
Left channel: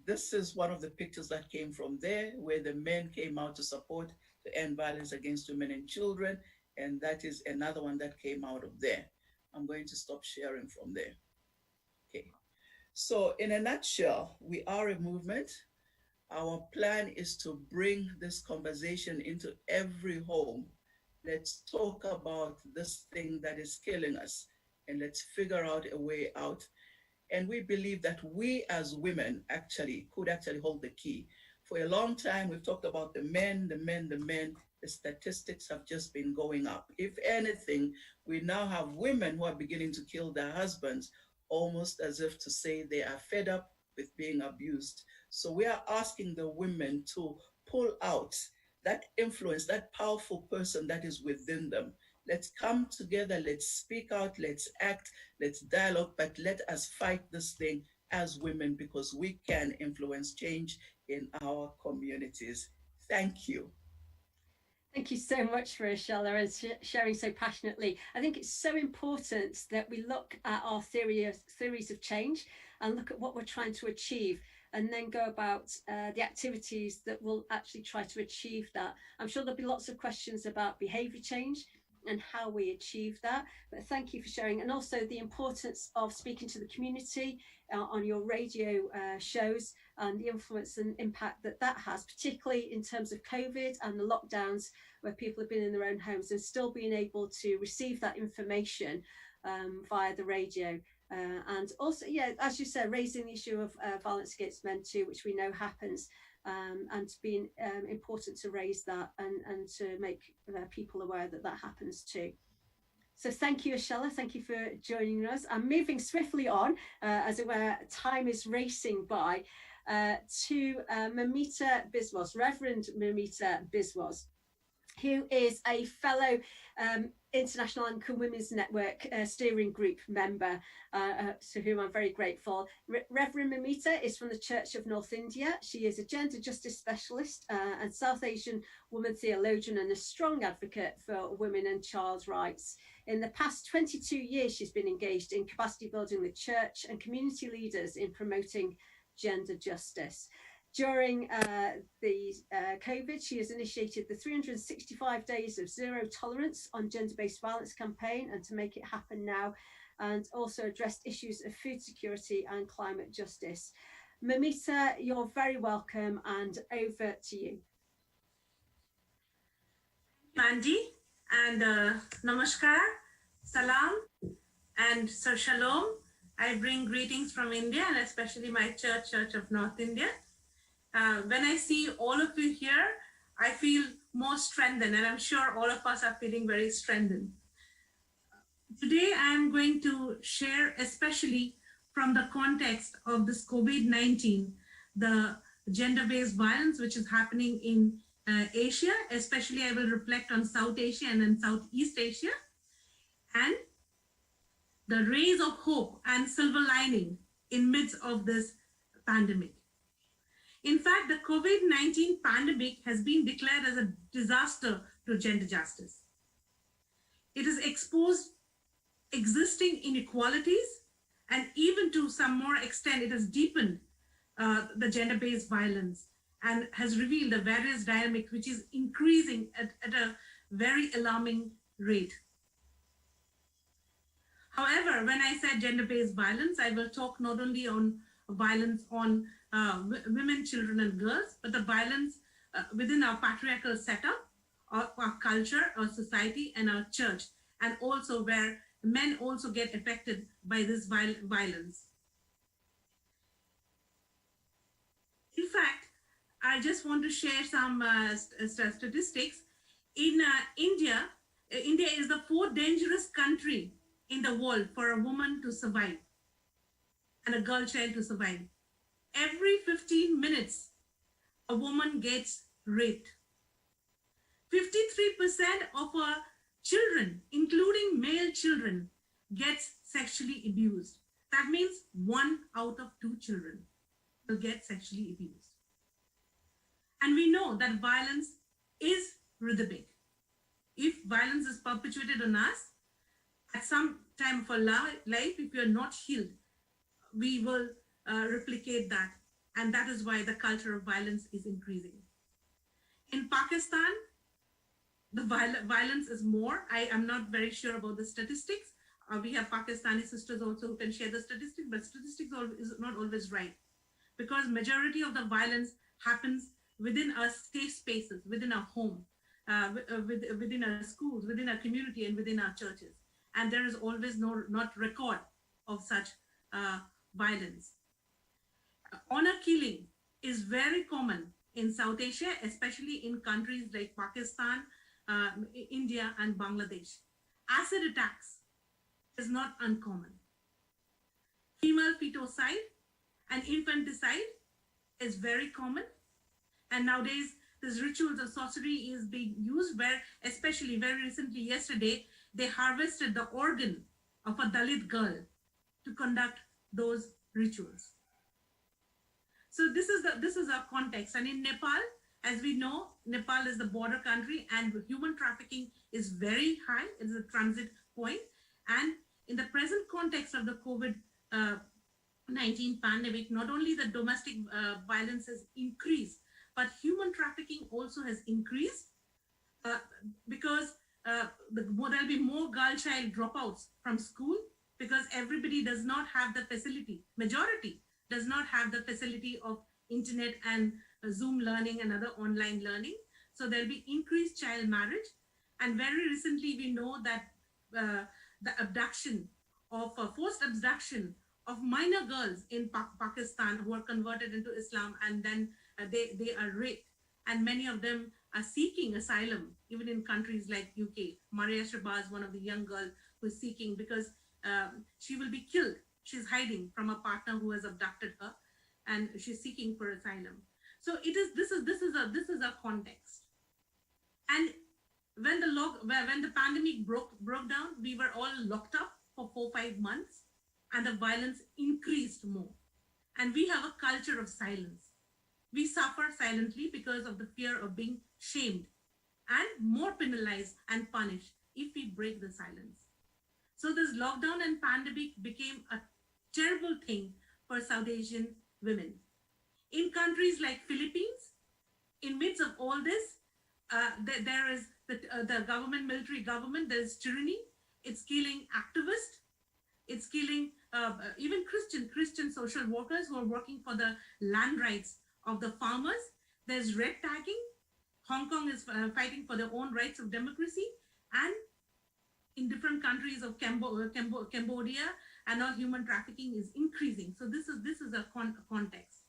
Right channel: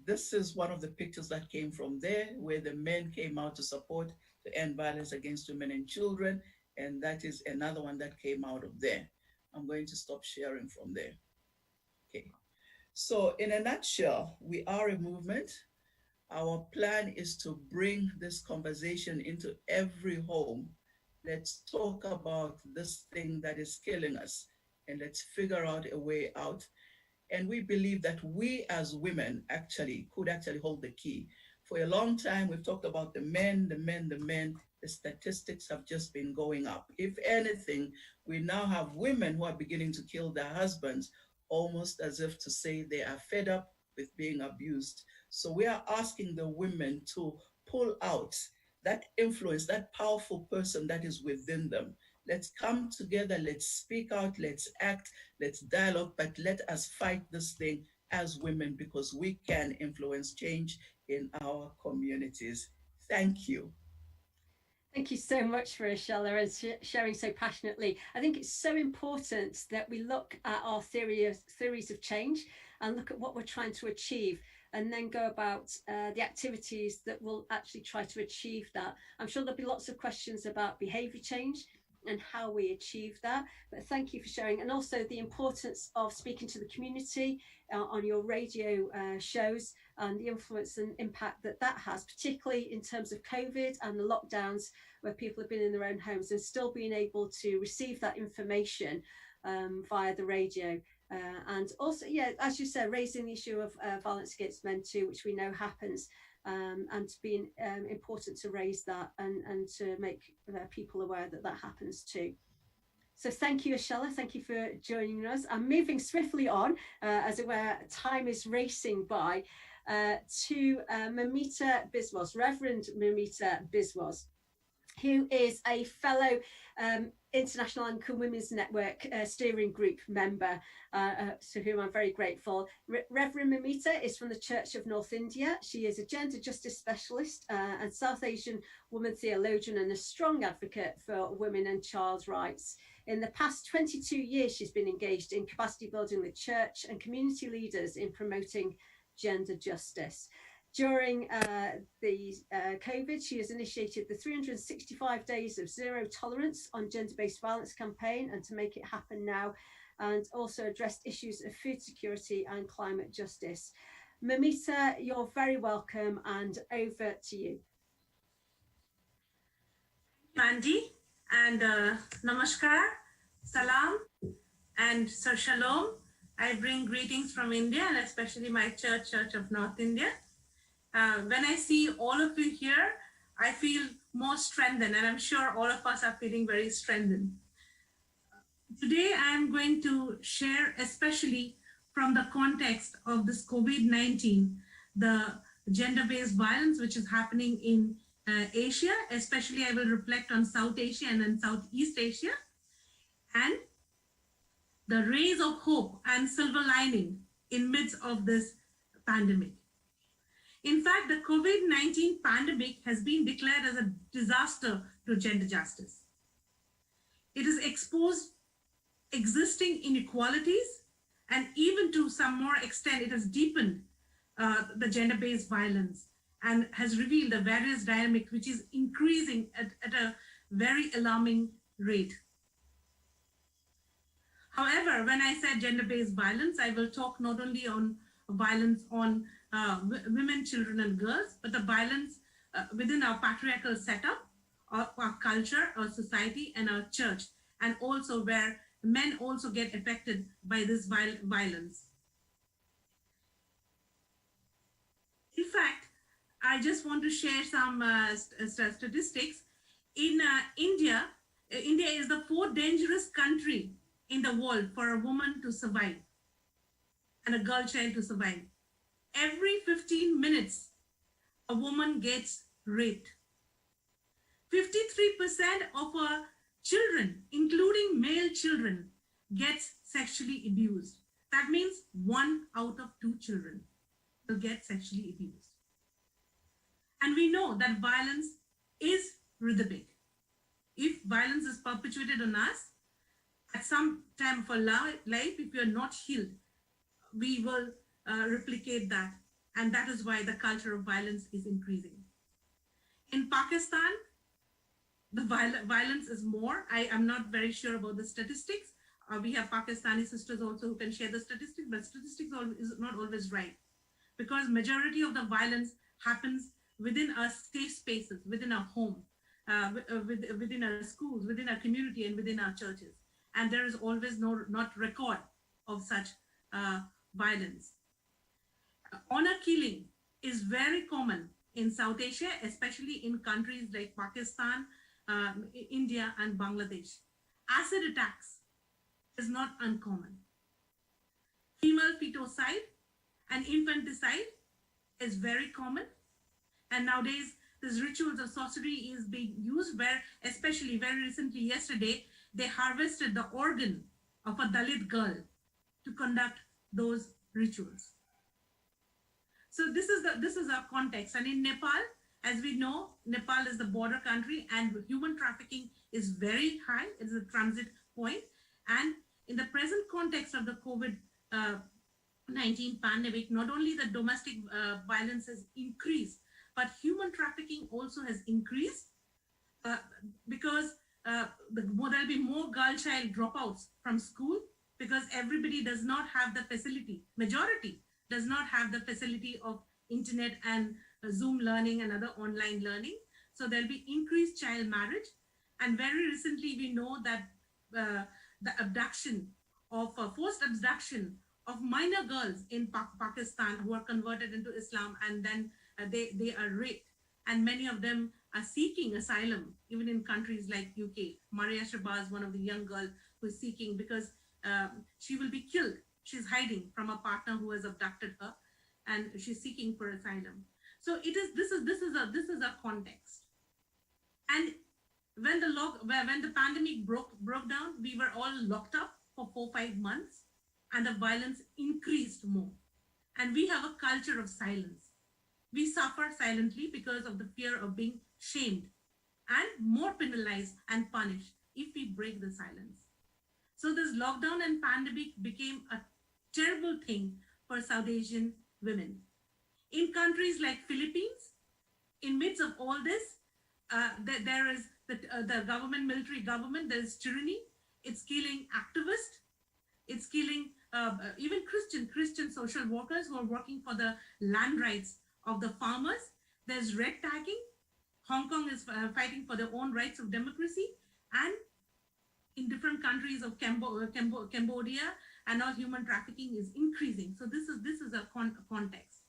this is one of the pictures that came from there, where the men came out to support to end violence against women and children. And that is another one that came out of there. I'm going to stop sharing from there. Okay. So in a nutshell, we are a movement. Our plan is to bring this conversation into every home. Let's talk about this thing that is killing us, and let's figure out a way out. And we believe that we as women could hold the key. For a long time, we've talked about the men. The statistics have just been going up. If anything, we now have women who are beginning to kill their husbands, almost as if to say they are fed up with being abused. So we are asking the women to pull out that influence, that powerful person that is within them. Let's come together, let's speak out, let's act, let's dialogue, but let us fight this thing as women, because we can influence change in our communities. Thank you. Thank you so much for Ashella and sharing so passionately. I think it's so important that we look at our theories of change and look at what we're trying to achieve, and then go about the activities that will actually try to achieve that. I'm sure there'll be lots of questions about behaviour change and how we achieve that, but thank you for sharing, and also the importance of speaking to the community on your radio shows, and the influence and impact that that has, particularly in terms of COVID and the lockdowns, where people have been in their own homes and still being able to receive that information via the radio. And also, yeah, as you said, raising the issue of violence against men too, which we know happens, and being important to raise that and to make people aware that that happens too. So thank you, Ashella. Thank you for joining us. I'm moving swiftly on, as it were, time is racing by, to Moumita Biswas, Reverend Moumita Biswas, who is a fellow International Anglican Women's Network steering group member, to whom I'm very grateful. Reverend Moumita is from the Church of North India. She is a gender justice specialist and South Asian woman theologian, and a strong advocate for women and child rights. In the past 22 years, she's been engaged in capacity building with church and community leaders in promoting gender justice. During the COVID, she has initiated the 365 Days of Zero Tolerance on Gender-Based Violence campaign, and To Make It Happen Now, and also addressed issues of food security and climate justice. Moumita, you're very welcome, and over to you. Mandy, and namaskar, salam, and sir shalom. I bring greetings from India, and especially my church of North India. When I see all of you here, I feel more strengthened, and I'm sure all of us are feeling very strengthened. Today, I'm going to share, especially from the context of this COVID-19, the gender-based violence which is happening in Asia. Especially, I will reflect on South Asia and then Southeast Asia, and the rays of hope and silver lining in midst of this pandemic. In fact, the COVID-19 pandemic has been declared as a disaster to gender justice. It has exposed existing inequalities, and even to some more extent, it has deepened the gender-based violence and has revealed the various dynamics which is increasing at a very alarming rate. However, when I said gender-based violence, I will talk not only on violence on women, children, and girls, but the violence within our patriarchal setup, our culture, our society, and our church, and also where men also get affected by this violence. In fact, I just want to share some statistics. In India, India is the 4th dangerous country in the world for a woman to survive and a girl child to survive. Every 15 minutes, a woman gets raped. 53% of our children, including male children, gets sexually abused. That means 1 out of 2 children will get sexually abused. And we know that violence is rhythmic. If violence is perpetuated on us, at some time of our life, if we are not healed, we will replicate that. And that is why the culture of violence is increasing. In Pakistan, the violence is more. I am not very sure about the statistics. We have Pakistani sisters also who can share the statistics, but statistics is not always right, because majority of the violence happens within our safe spaces, within our home, within our schools, within our community, and within our churches. And there is always not record of such violence. Honor killing is very common in South Asia, especially in countries like Pakistan, India, and Bangladesh. Acid attacks is not uncommon. Female fetocide and infanticide is very common. And nowadays, these rituals of sorcery is being used where, especially very recently, yesterday, they harvested the organ of a Dalit girl to conduct those rituals. So this is our context. And in Nepal, as we know, Nepal is the border country and human trafficking is very high. It is a transit point. And in the present context of the COVID-19 pandemic, not only the domestic violence has increased, but human trafficking also has increased because there will be more girl child dropouts from school because everybody does not have the facility. Majority does not have the facility of internet and Zoom learning and other online learning. So there'll be increased child marriage. And very recently, we know that the abduction of forced abduction of minor girls in Pakistan who are converted into Islam, and then they are raped. And many of them are seeking asylum, even in countries like UK. Maria Shabazz, one of the young girls who is seeking because she will be killed. She's hiding from a partner who has abducted her, and she's seeking for asylum. So this is a context. And when the pandemic broke down, we were all locked up for 4-5 months, and the violence increased more. And we have a culture of silence. We suffer silently because of the fear of being shamed and more penalized and punished if we break the silence. So this lockdown and pandemic became a terrible thing for South Asian women. In countries like Philippines, in midst of all this, there is the military government, there's tyranny. It's killing activists. It's killing even Christian social workers who are working for the land rights of the farmers. There's red tagging. Hong Kong is fighting for their own rights of democracy, and in different countries of Cambodia and all, human trafficking is increasing. So this is a context.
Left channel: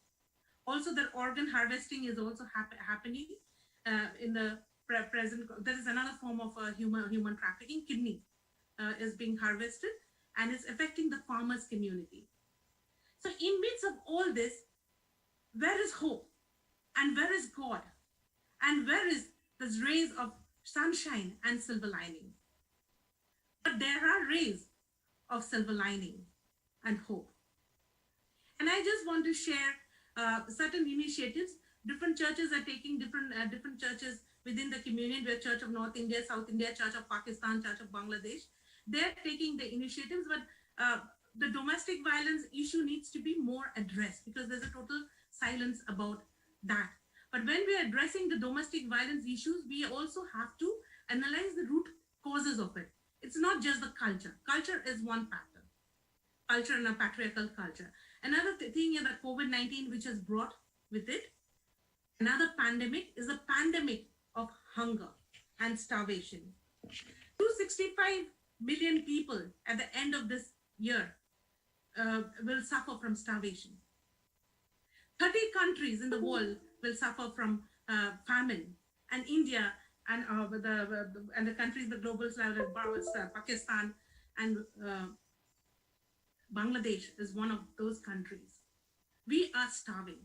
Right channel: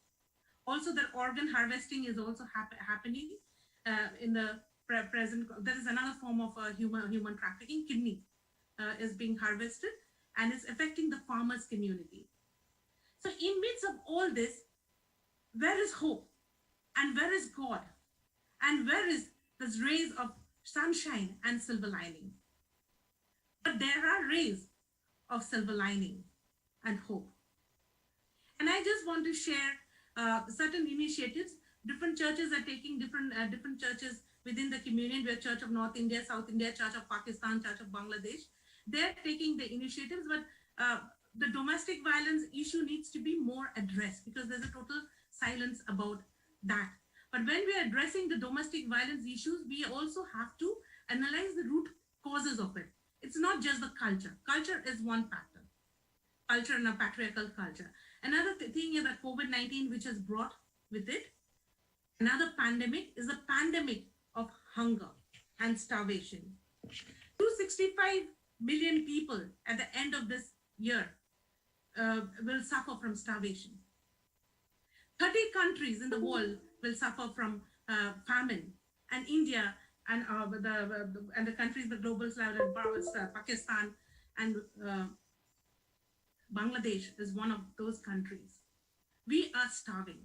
Also, that organ harvesting is also happening in the present. There is another form of human trafficking. Kidney is being harvested, and it's affecting the farmers' community. So in midst of all this, where is hope? And where is God? And where is this rays of sunshine and silver lining? But there are rays of silver lining and hope. And I just want to share certain initiatives. Different churches are taking different churches within the communion. We have Church of North India, South India, Church of Pakistan, Church of Bangladesh. They're taking the initiatives, but the domestic violence issue needs to be more addressed, because there's a total silence about that. But when we are addressing the domestic violence issues, we also have to analyze the root causes of it. It's not just the culture. Culture is one factor. Culture and a patriarchal culture. Another thing is that COVID-19, which has brought with it another pandemic, is a pandemic of hunger and starvation. 265 million people at the end of this year will suffer from starvation. 30 countries in the world will suffer from famine, and India and the countries, the global south, Pakistan and Bangladesh is one of those countries. We are starving.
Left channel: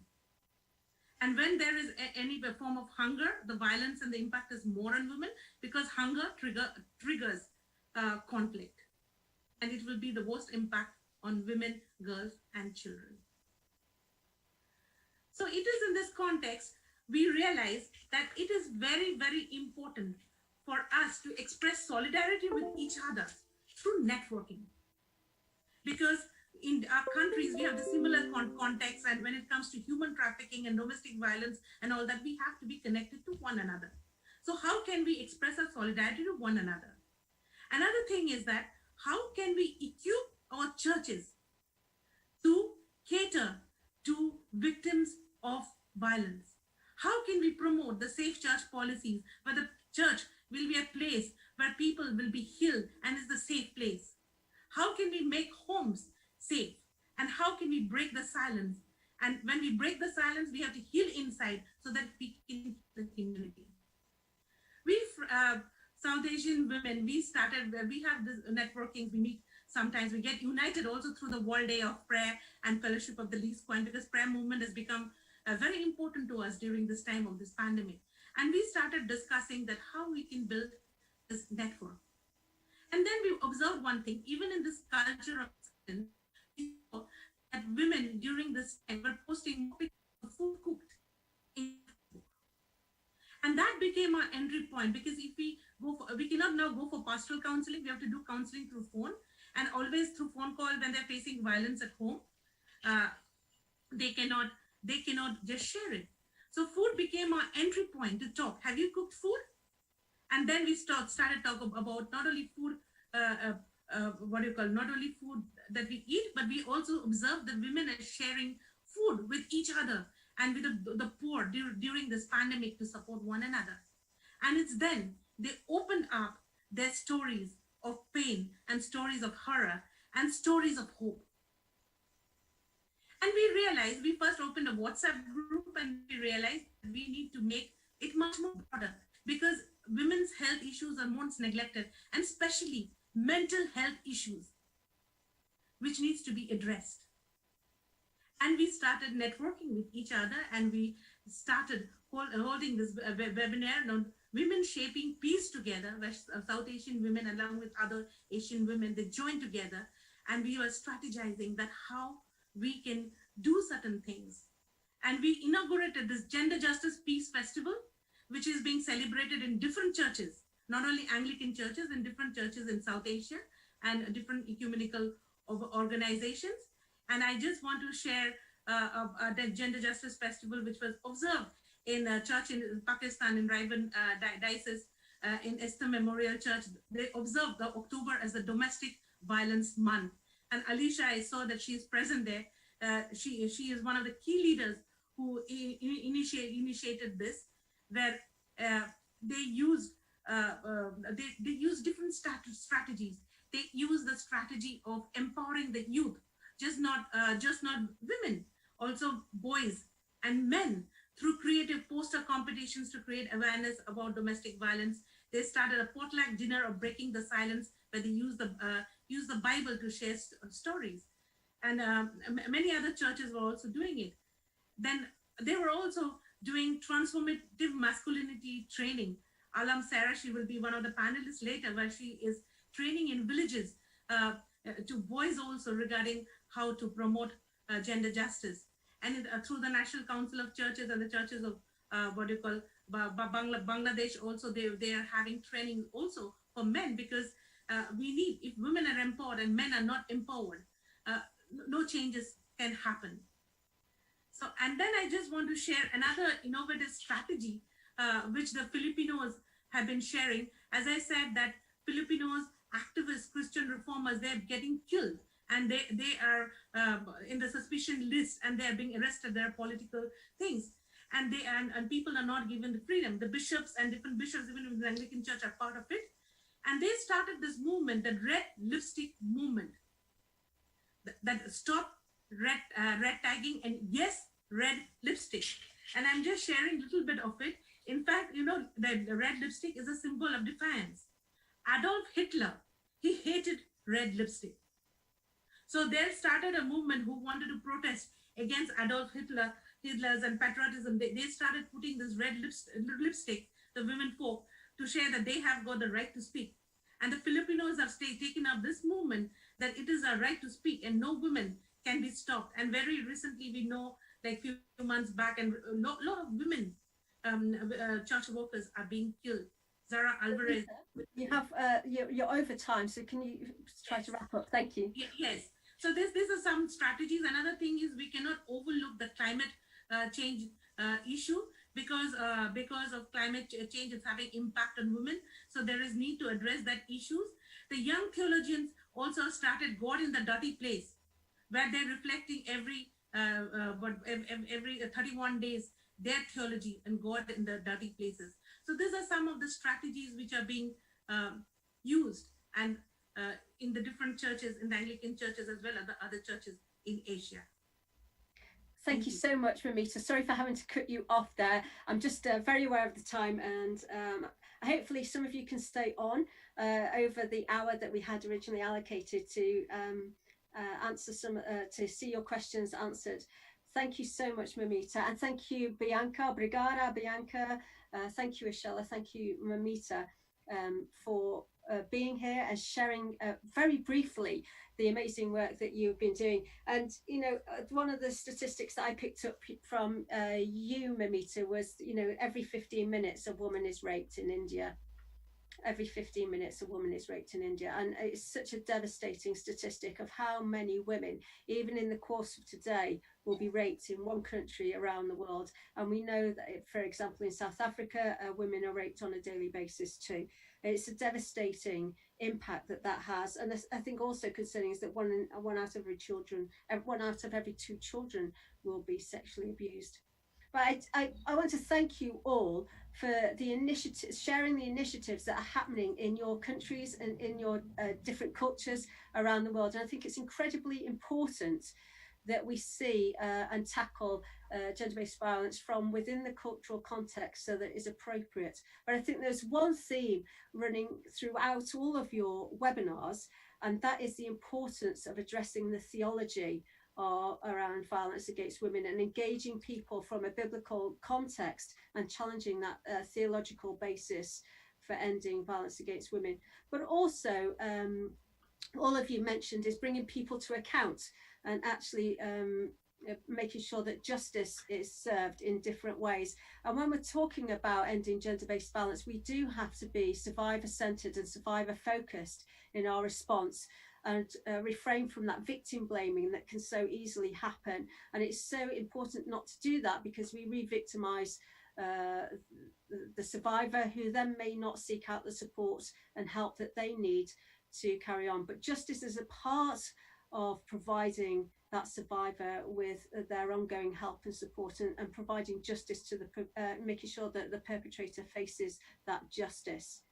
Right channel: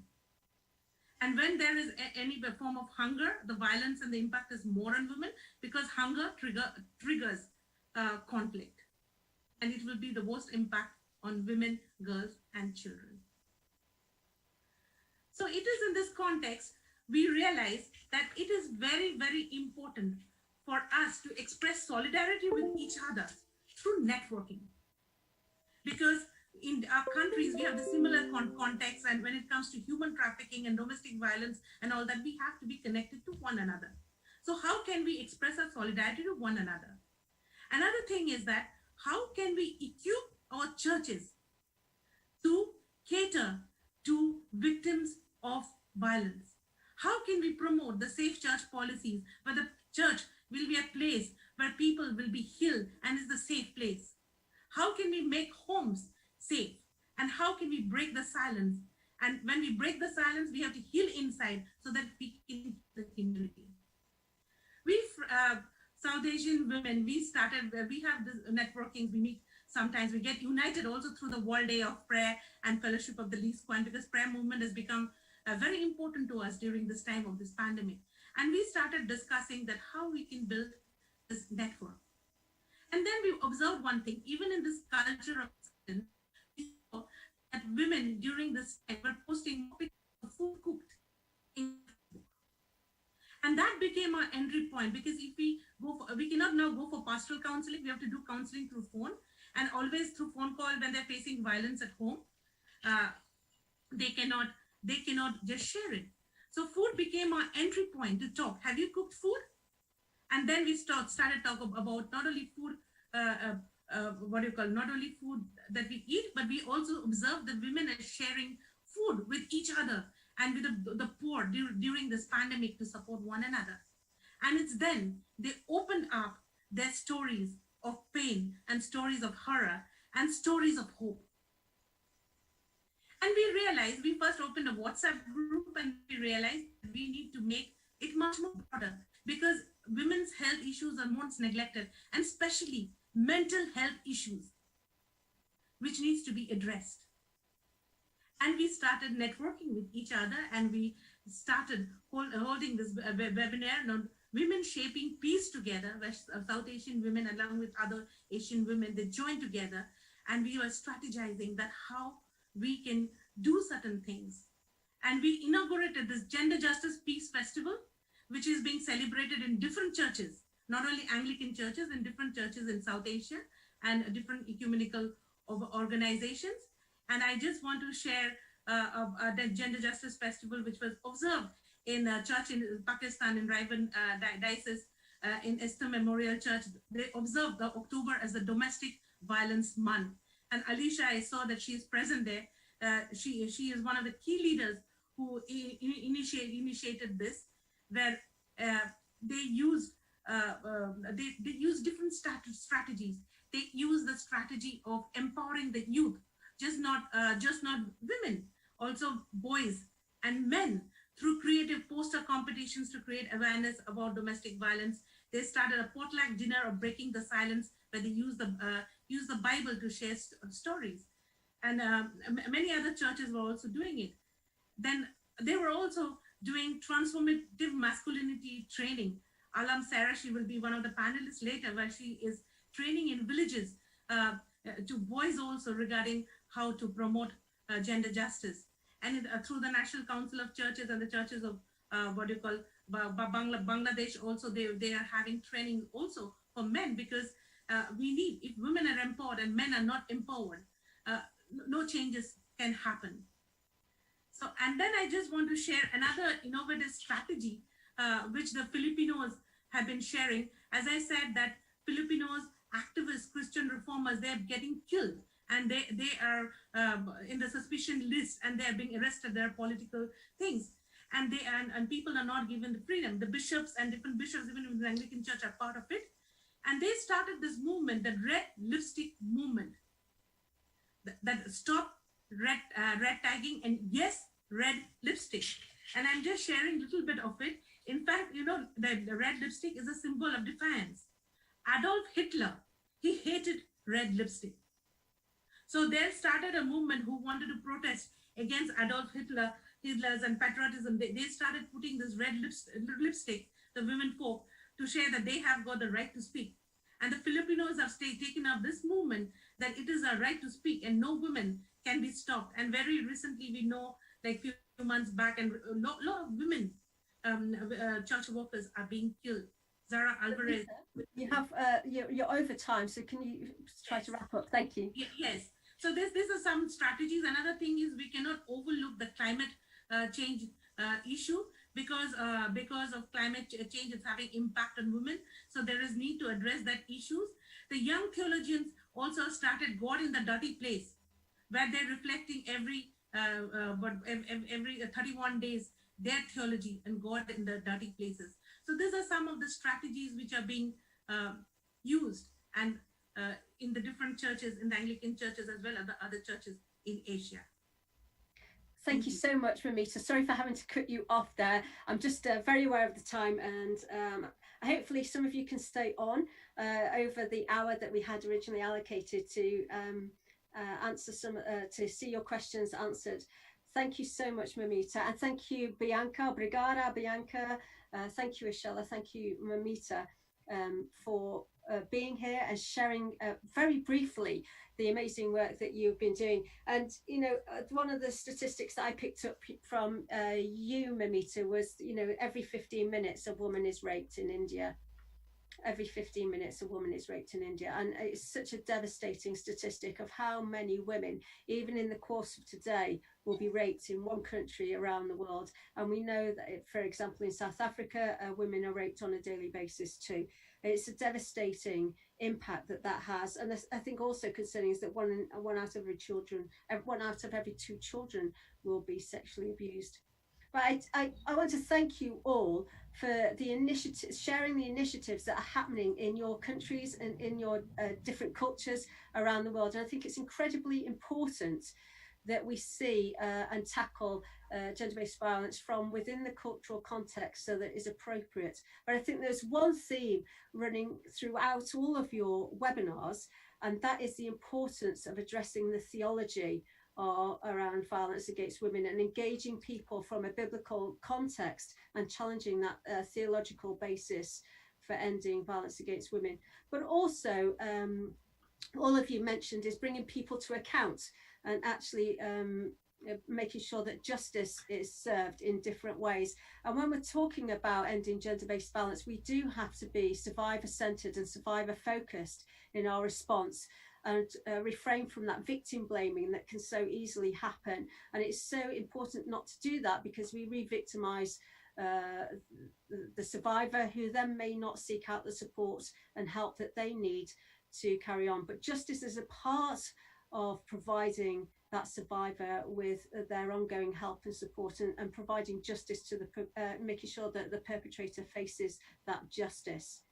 And when there is any form of hunger, the violence and the impact is more on women, because hunger triggers conflict. And it will be the worst impact on women, girls, and children. So it is in this context, we realize that it is very, very important for us to express solidarity with each other through networking. Because in our countries, we have the similar context, and when it comes to human trafficking and domestic violence and all that, we have to be connected to one another. So how can we express our solidarity to one another? Another thing is that how can we equip our churches to cater to victims of violence? How can we promote the safe church policies, where the church will be a place where people will be healed and is the safe place? How can we make homes safe? And how can we break the silence? And when we break the silence, we have to heal inside so that we can the community. We South Asian women, we have this networking. We meet sometimes, we get united also through the World Day of Prayer and Fellowship of the Least Point, because prayer movement has become very important to us during this time of this pandemic. And we started discussing that how we can build this network. And then we observed one thing, even in this culture of silence, that women during this time were posting food cooked in Facebook. And that became our entry point, because if we cannot now go for pastoral counseling, we have to do counseling through phone, and always through phone call when they're facing violence at home, they cannot just share it. So food became our entry point to talk. Have you cooked food? And then we started talking about not only food, not only food that we eat, but we also observe that women are sharing food with each other and with the poor during this pandemic to support one another. And it's then they open up their stories of pain and stories of horror and stories of hope. And we realized, we first opened a WhatsApp group, and we realized that we need to make it much more broader, because women's health issues are most neglected, and especially mental health issues, which needs to be addressed. And we started networking with each other, and we started holding this webinar on Women Shaping Peace Together, where South Asian women, along with other Asian women, they joined together, and we were strategizing that how we can do certain things. And we inaugurated this Gender Justice Peace Festival, which is being celebrated in different churches, not only Anglican churches, in different churches in South Asia and different ecumenical organizations. And I just want to share the Gender Justice Festival, which was observed in a church in Pakistan, in Raiban Diocese, in Esther Memorial Church. They observed the October as the Domestic Violence Month. And Alicia, I saw that she is present there. She is one of the key leaders who initiated this, where they use they use different strategies. They use the strategy of empowering the youth, just not women, also boys and men, through creative poster competitions to create awareness about domestic violence. They started a potluck dinner of breaking the silence, where they use the Bible to share stories, and many other churches were also doing it. Then they were also doing transformative masculinity training. Alam Sarah, she will be one of the panelists later, where she is training in villages to boys also regarding how to promote gender justice. And through the National Council of Churches and the churches of Bangladesh also, they are having training also for men, because we need, if women are empowered and men are not empowered, no changes can happen. So, and then I just want to share another innovative strategy which the Filipinos have been sharing. As I said, that Filipinos, activists, Christian reformers, they're getting killed, and they are in the suspicion list, and they are being arrested. There are political things, and people are not given the freedom. The bishops and different bishops, even in the Anglican Church, are part of it, and they started this movement, the red lipstick movement, that stop red tagging and yes, red lipstick. And I'm just sharing a little bit of it. In fact, you know, the red lipstick is a symbol of defiance. Adolf Hitler, he hated red lipstick. So they started a movement who wanted to protest against Adolf Hitler's and patriotism. They started putting this red lipstick, the women folk, to share that they have got the right to speak. And the Filipinos have taken up this movement that it is a right to speak and no women can be stopped. And very recently, we know, like few months back, and a lot of women church workers are being killed. Zara Alvarez. You have you're over time, so can you try to wrap up? Thank you. Yes. So these are some strategies. Another thing is we cannot overlook the climate change issue, because of climate change, it's having impact on women. So there is need to address that issues. The young theologians also started God in the Dirty Place, where they're reflecting every 31 days their theology and God in the dirty places. So these are some of the strategies which are being used, and in the different churches, in the Anglican churches as well as the other churches in Asia. Thank you so much, Moumita. Sorry for having to cut you off there. I'm just very aware of the time, and hopefully some of you can stay on over the hour that we had originally allocated to answer to see your questions answered. Thank you so much, Moumita, and thank you, Bianca. Obrigada, Bianca. Thank you, Ashella. Thank you, Moumita, for being here and sharing very briefly the amazing work that you've been doing. And you know, one of the statistics that I picked up from you, Moumita, was, you know, every 15 minutes a woman is raped in India. Every 15 minutes a woman is raped in India, and it's such a devastating statistic of how many women, even in the course of today, will be raped in one country around the world. And we know that, for example, in South Africa, women are raped on a daily basis too. It's a devastating impact that has, and I think also concerning is that one out of every two children will be sexually abused. But I want to thank you all for the initiatives, sharing the initiatives that are happening in your countries and in your different cultures around the world. And I think it's incredibly important that we see and tackle gender-based violence from within the cultural context so that it is appropriate. But I think there's one theme running throughout all of your webinars, and that is the importance of addressing the theology around violence against women and engaging people from a biblical context and challenging that theological basis for ending violence against women. But also, all of you mentioned is bringing people to account and actually making sure that justice is served in different ways. And when we're talking about ending gender-based violence, we do have to be survivor-centered and survivor-focused in our response, and refrain from that victim blaming that can so easily happen. And it's so important not to do that, because we re-victimize the survivor, who then may not seek out the support and help that they need to carry on. But justice is a part of providing that survivor with their ongoing help and support, and providing justice to the, making sure that the perpetrator faces that justice.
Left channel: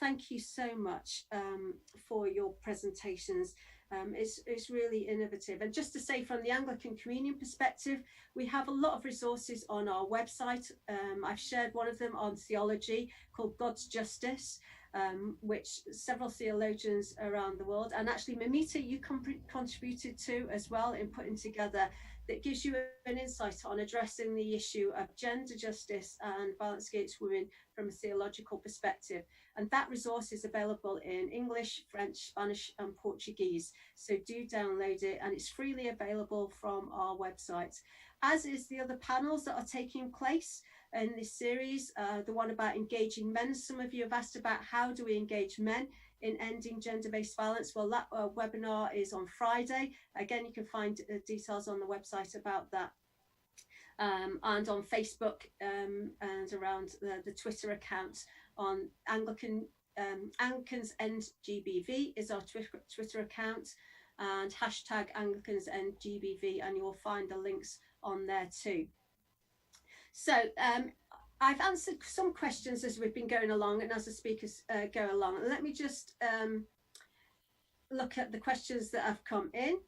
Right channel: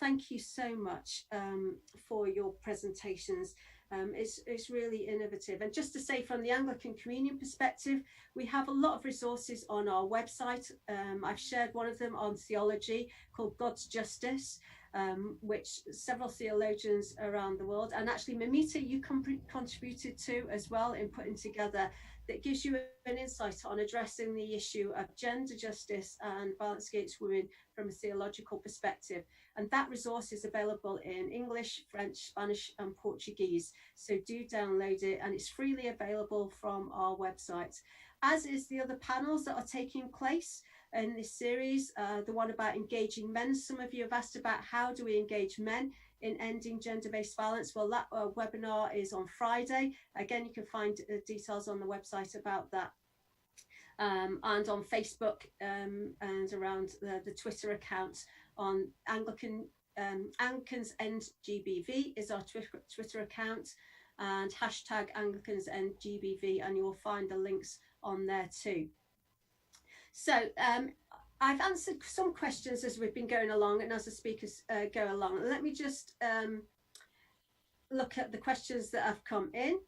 Thank you so much for your presentations. It's really innovative. And just to say, from the Anglican Communion perspective, we have a lot of resources on our website. I've shared one of them on theology called God's Justice, which several theologians around the world, and actually Moumita, you contributed to as well in putting together, that gives you an insight on addressing the issue of gender justice and violence against women from a theological perspective. And that resource is available in English, French, Spanish, and Portuguese. So do download it, and it's freely available from our website, as is the other panels that are taking place in this series. The one about engaging men. Some of you have asked about how do we engage men in ending gender-based violence. Well, that webinar is on Friday. Again, you can find details on the website about that. And on Facebook and around the Twitter account on Anglicans End GBV is our Twitter account, and hashtag Anglicans End GBV, and you'll find the links on there too. So I've answered some questions as we've been going along and as the speakers go along. Let me just look at the questions that have come in.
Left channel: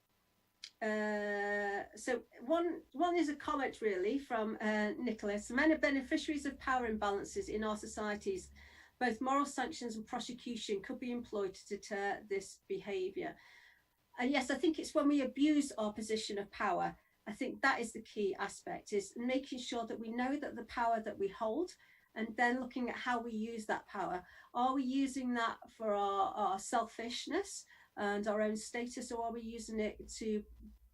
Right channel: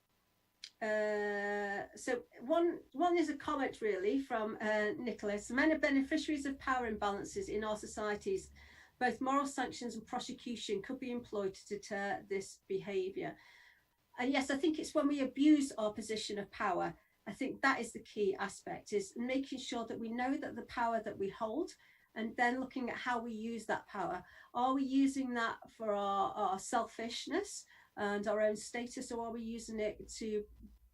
So one is a comment really from Nicholas. Men are beneficiaries of power imbalances in our societies. Both moral sanctions and prosecution could be employed to deter this behaviour. And yes, I think it's when we abuse our position of power. I think that is the key aspect, is making sure that we know that the power that we hold, and then looking at how we use that power. Are we using that for our selfishness and our own status, or are we using it to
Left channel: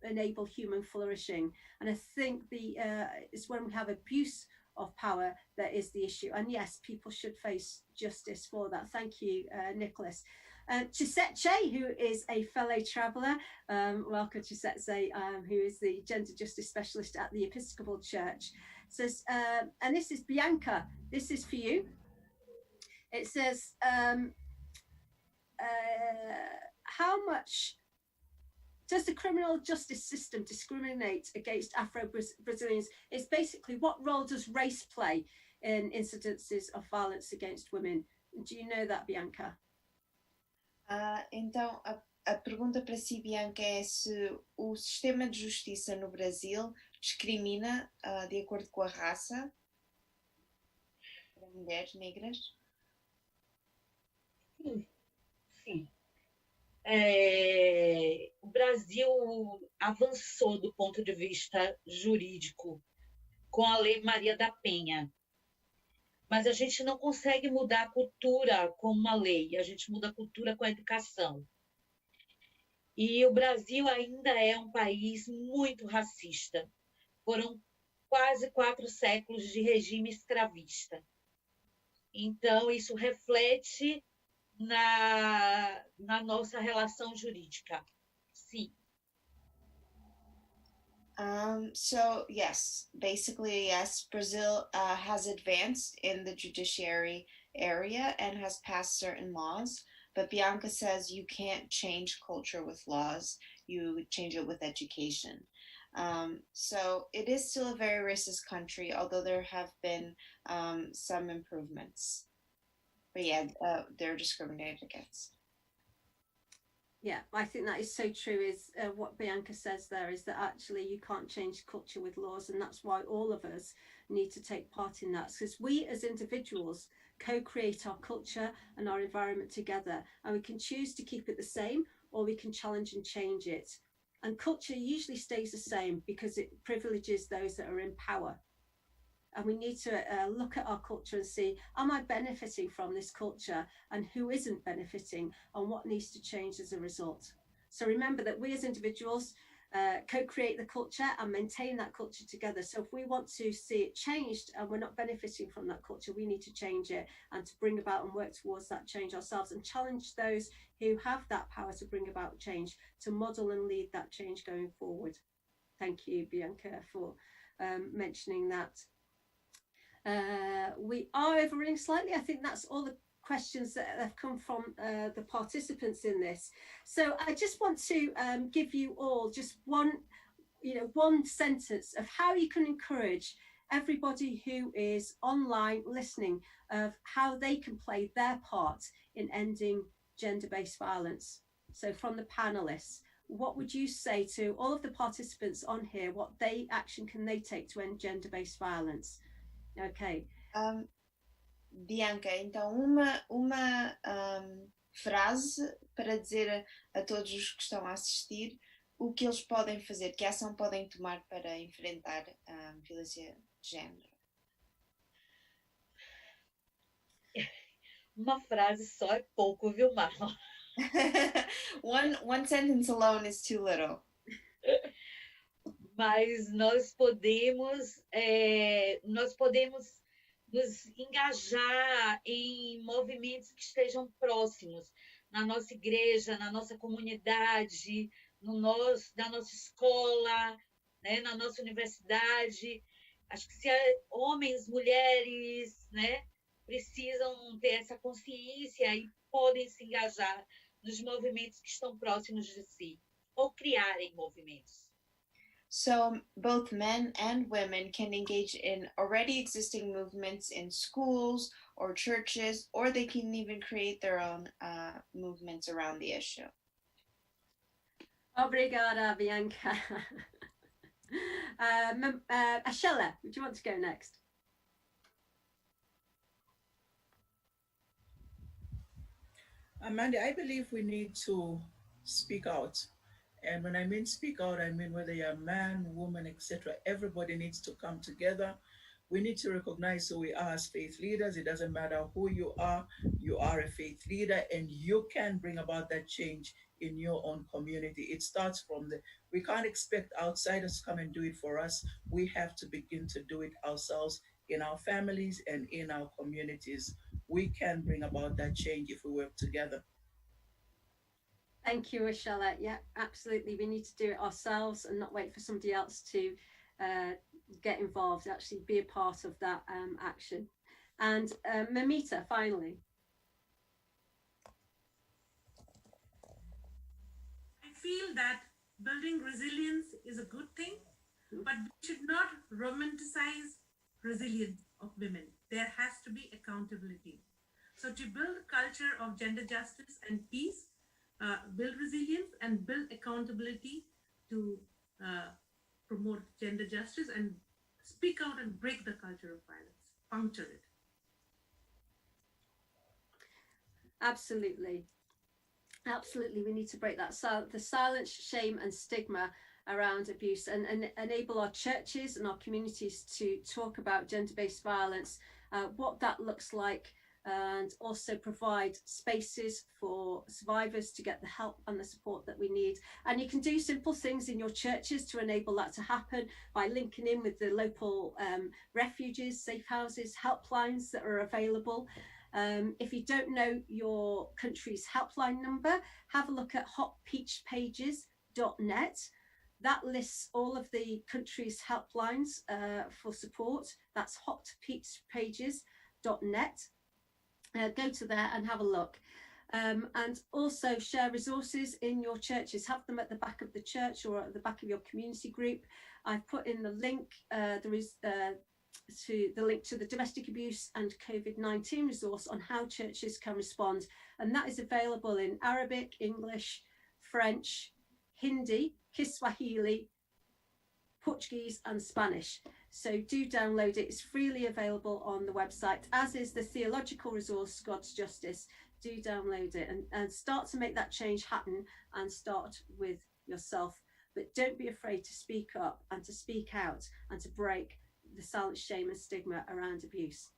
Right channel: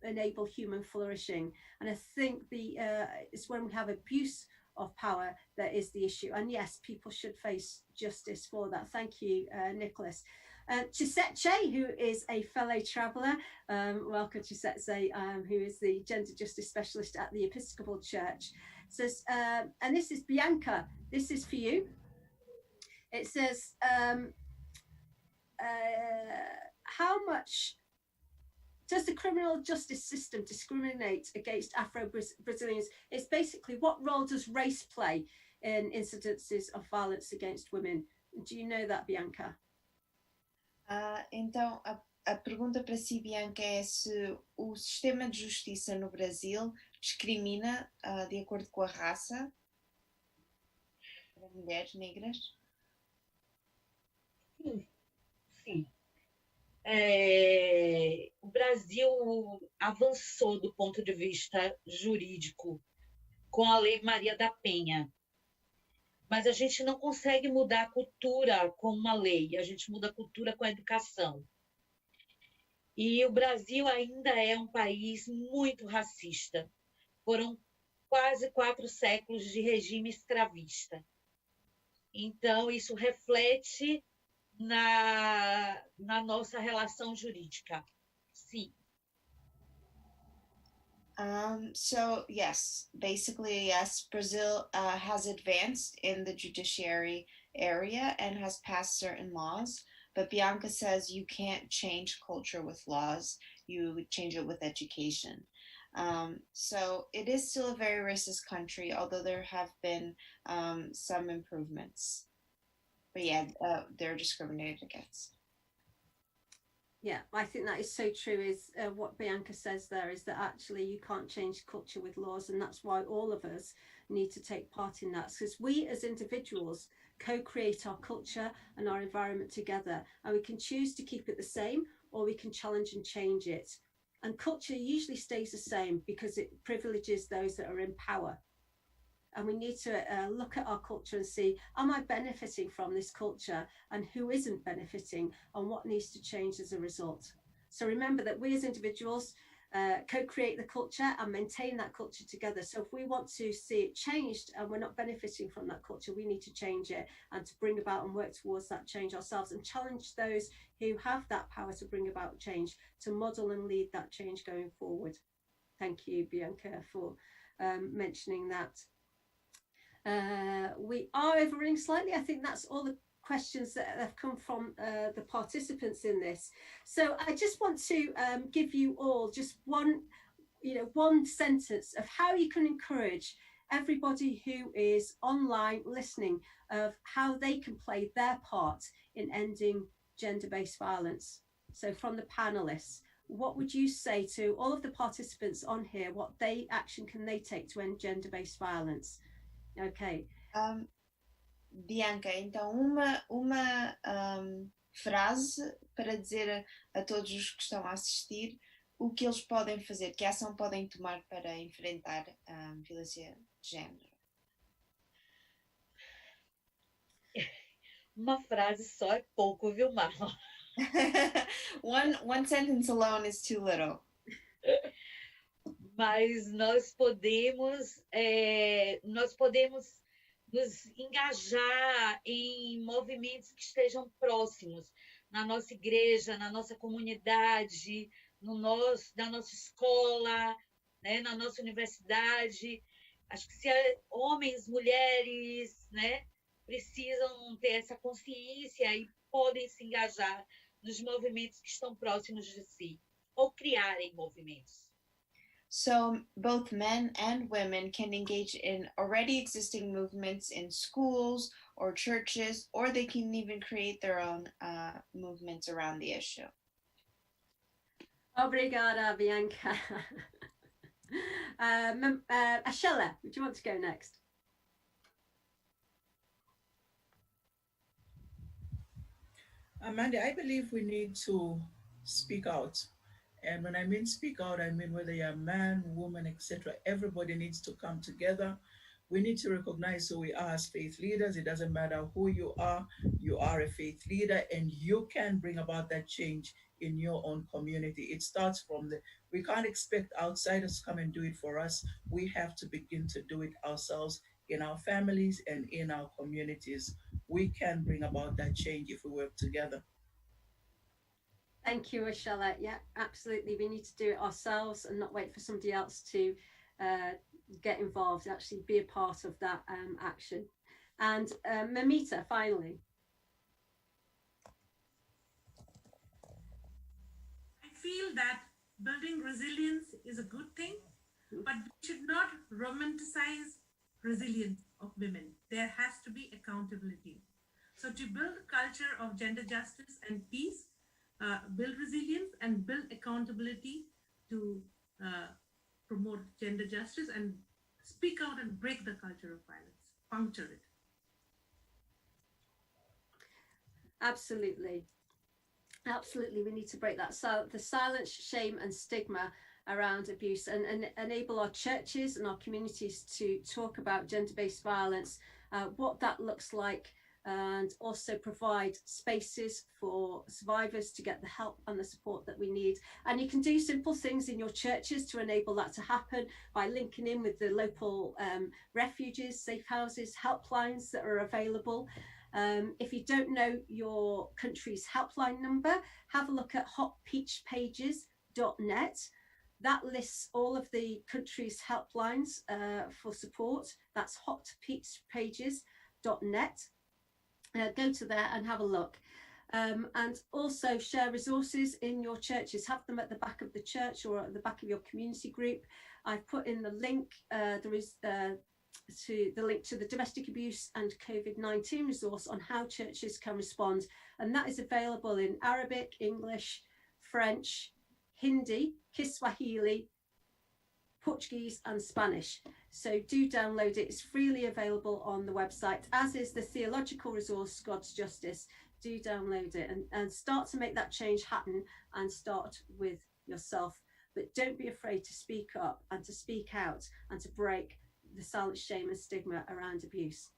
enable human flourishing? And I think it's when we have abuse of power that is the issue. And yes, people should face justice for that. Thank you, Nicholas. Chisetse, who is a fellow traveller, welcome Chisetse, who is the gender justice specialist at the Episcopal Church, says, and this is Bianca, this is for you. It says, how much does the criminal justice system discriminate against Afro-Brazilians? It's basically, what role does race play in incidences of violence against women? Do you know that, Bianca? Então, a pergunta para si, Bianca, é se o sistema de justiça no Brasil discrimina de acordo com a raça para mulheres negras? Sim, sim. O Brasil avançou do ponto de vista jurídico com a Lei Maria da Penha, mas a gente não consegue mudar a cultura com uma lei, a gente muda a cultura com a educação. E o Brasil ainda é um país muito racista. Foram quase 4 séculos de regime escravista. Então, isso reflete na nossa relação jurídica. Sim. So yes, basically yes, Brazil has advanced in the judiciary area and has passed certain laws, but Bianca says you can't change culture with laws, you change it with education. So it is still a very racist country, although there have been some improvements. But yeah, they're discriminated against. Yeah, I think that is so true, is what Bianca says there, is that actually you can't change culture with laws, and that's why all of us need to take part in that, because we as individuals co-create our culture and our environment together, and we can choose to keep it the same, or we can challenge and change it. And culture usually stays the same because it privileges those that are in power. And we need to look at our culture and see, am I benefiting from this culture, and who isn't benefiting, and what needs to change as a result? So remember that we as individuals co-create the culture and maintain that culture together. So if we want to see it changed and we're not benefiting from that culture, we need to change it and to bring about and work towards that change ourselves, and challenge those who have that power to bring about change, to model and lead that change going forward. Thank you, Bianca, for mentioning that. We are overrunning slightly. I think that's all the questions that have come from the participants in this. So I just want to give you all just one sentence of how you can encourage everybody who is online listening of how they can play their part in ending gender-based violence. So from the panelists, what would you say to all of the participants on here? What action can they take to end gender-based violence? Okay. Bianca, então uma frase para dizer a todos os que estão a assistir o que eles podem fazer, que ação podem tomar para enfrentar a violência de género. Uma frase só é pouco, viu, Marlon? One sentence alone is too little. Mas nós podemos nos engajar em movimentos que estejam próximos, na nossa igreja, na nossa comunidade, na nossa escola, né, na nossa universidade. Acho que se homens, mulheres, né, precisam ter essa consciência e podem se engajar nos movimentos que estão próximos de si, ou criarem movimentos. So both men and women can engage in already existing movements in schools or churches, or they can even create their own movements around the issue. Obrigada, Bianca. Ashella, would you want to go next? Mandy, I believe we need to speak out. And when I mean speak out, I mean whether you're a man, woman, etc. Everybody needs to come together. We need to recognize who we are as faith leaders. It doesn't matter who you are a faith leader, and you can bring about that change in your own community. It starts from we can't expect outsiders to come and do it for us. We have to begin to do it ourselves in our families and in our communities. We can bring about that change if we work together. Thank you, Ashella. Yeah, absolutely. We need to do it ourselves and not wait for somebody else to get involved, actually be a part of that action. And Moumita, finally. I feel that building resilience is a good thing, but we should not romanticize resilience of women. There has to be accountability. So to build a culture of gender justice and peace, build resilience and build accountability to promote gender justice and speak out and break the culture of violence, puncture it. Absolutely. Absolutely, we need to break that. So the silence, shame and stigma around abuse and enable our churches and our communities to talk about gender-based violence, what that looks like, and also provide spaces for survivors to get the help and the support that we need. And you can do simple things in your churches to enable that to happen by linking in with the local refuges, safe houses, helplines that are available. If you don't know your country's helpline number, have a look at hotpeachpages.net. That lists all of the country's helplines for support. That's hotpeachpages.net. Go to there and have a look. And also share resources in your churches. Have them at the back of the church or at the back of your community group. I've put in the link. There is the link to the domestic abuse and COVID-19 resource on how churches can respond. And that is available in Arabic, English, French, Hindi, Kiswahili, Portuguese and Spanish. So do download it. It's freely available on the website, as is the theological resource, God's Justice. Do download it and start to make that change happen, and start with yourself. But don't be afraid to speak up and to speak out and to break the silence, shame and stigma around abuse.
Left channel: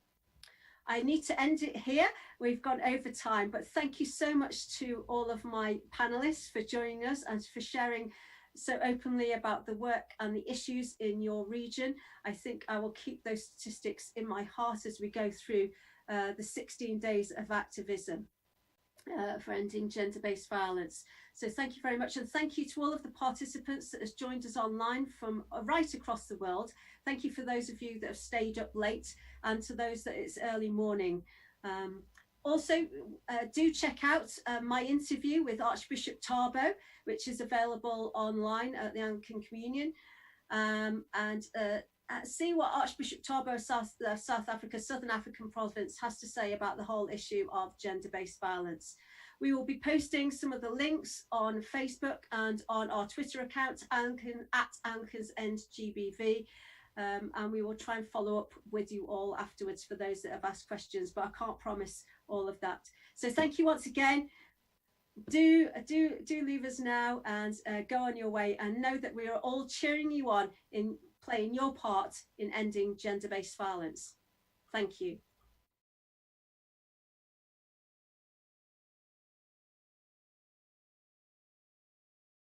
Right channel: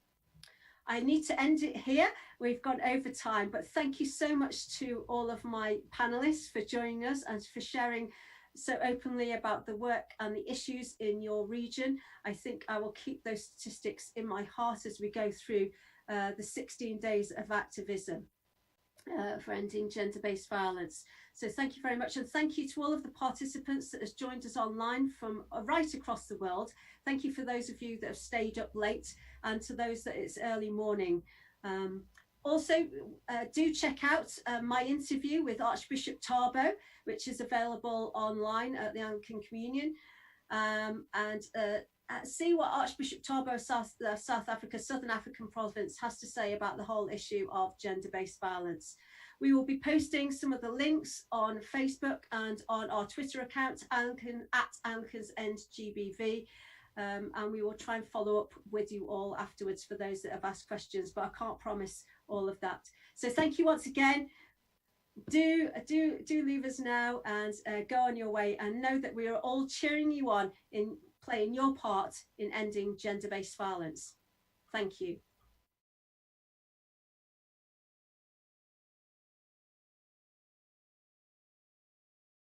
I need to end it here. We've gone over time, but thank you so much to all of my panelists for joining us and for sharing so openly about the work and the issues in your region. I think I will keep those statistics in my heart as we go through the 16 days of activism for ending gender-based violence. So thank you very much, and thank you to all of the participants that has joined us online from right across the world. Thank you for those of you that have stayed up late, and to those that it's early morning. Also, do check out my interview with Archbishop Tarbo, which is available online at the Anglican Communion, and see what Archbishop Tarbo, South Africa, Southern African province, has to say about the whole issue of gender-based violence. We will be posting some of the links on Facebook and on our Twitter account, Anglicans End GBV. And we will try and follow up with you all afterwards for those that have asked questions, but I can't promise all of that. So thank you once again. Do leave us now and go on your way, and know that we are all cheering you on in playing your part in ending gender-based violence. Thank you.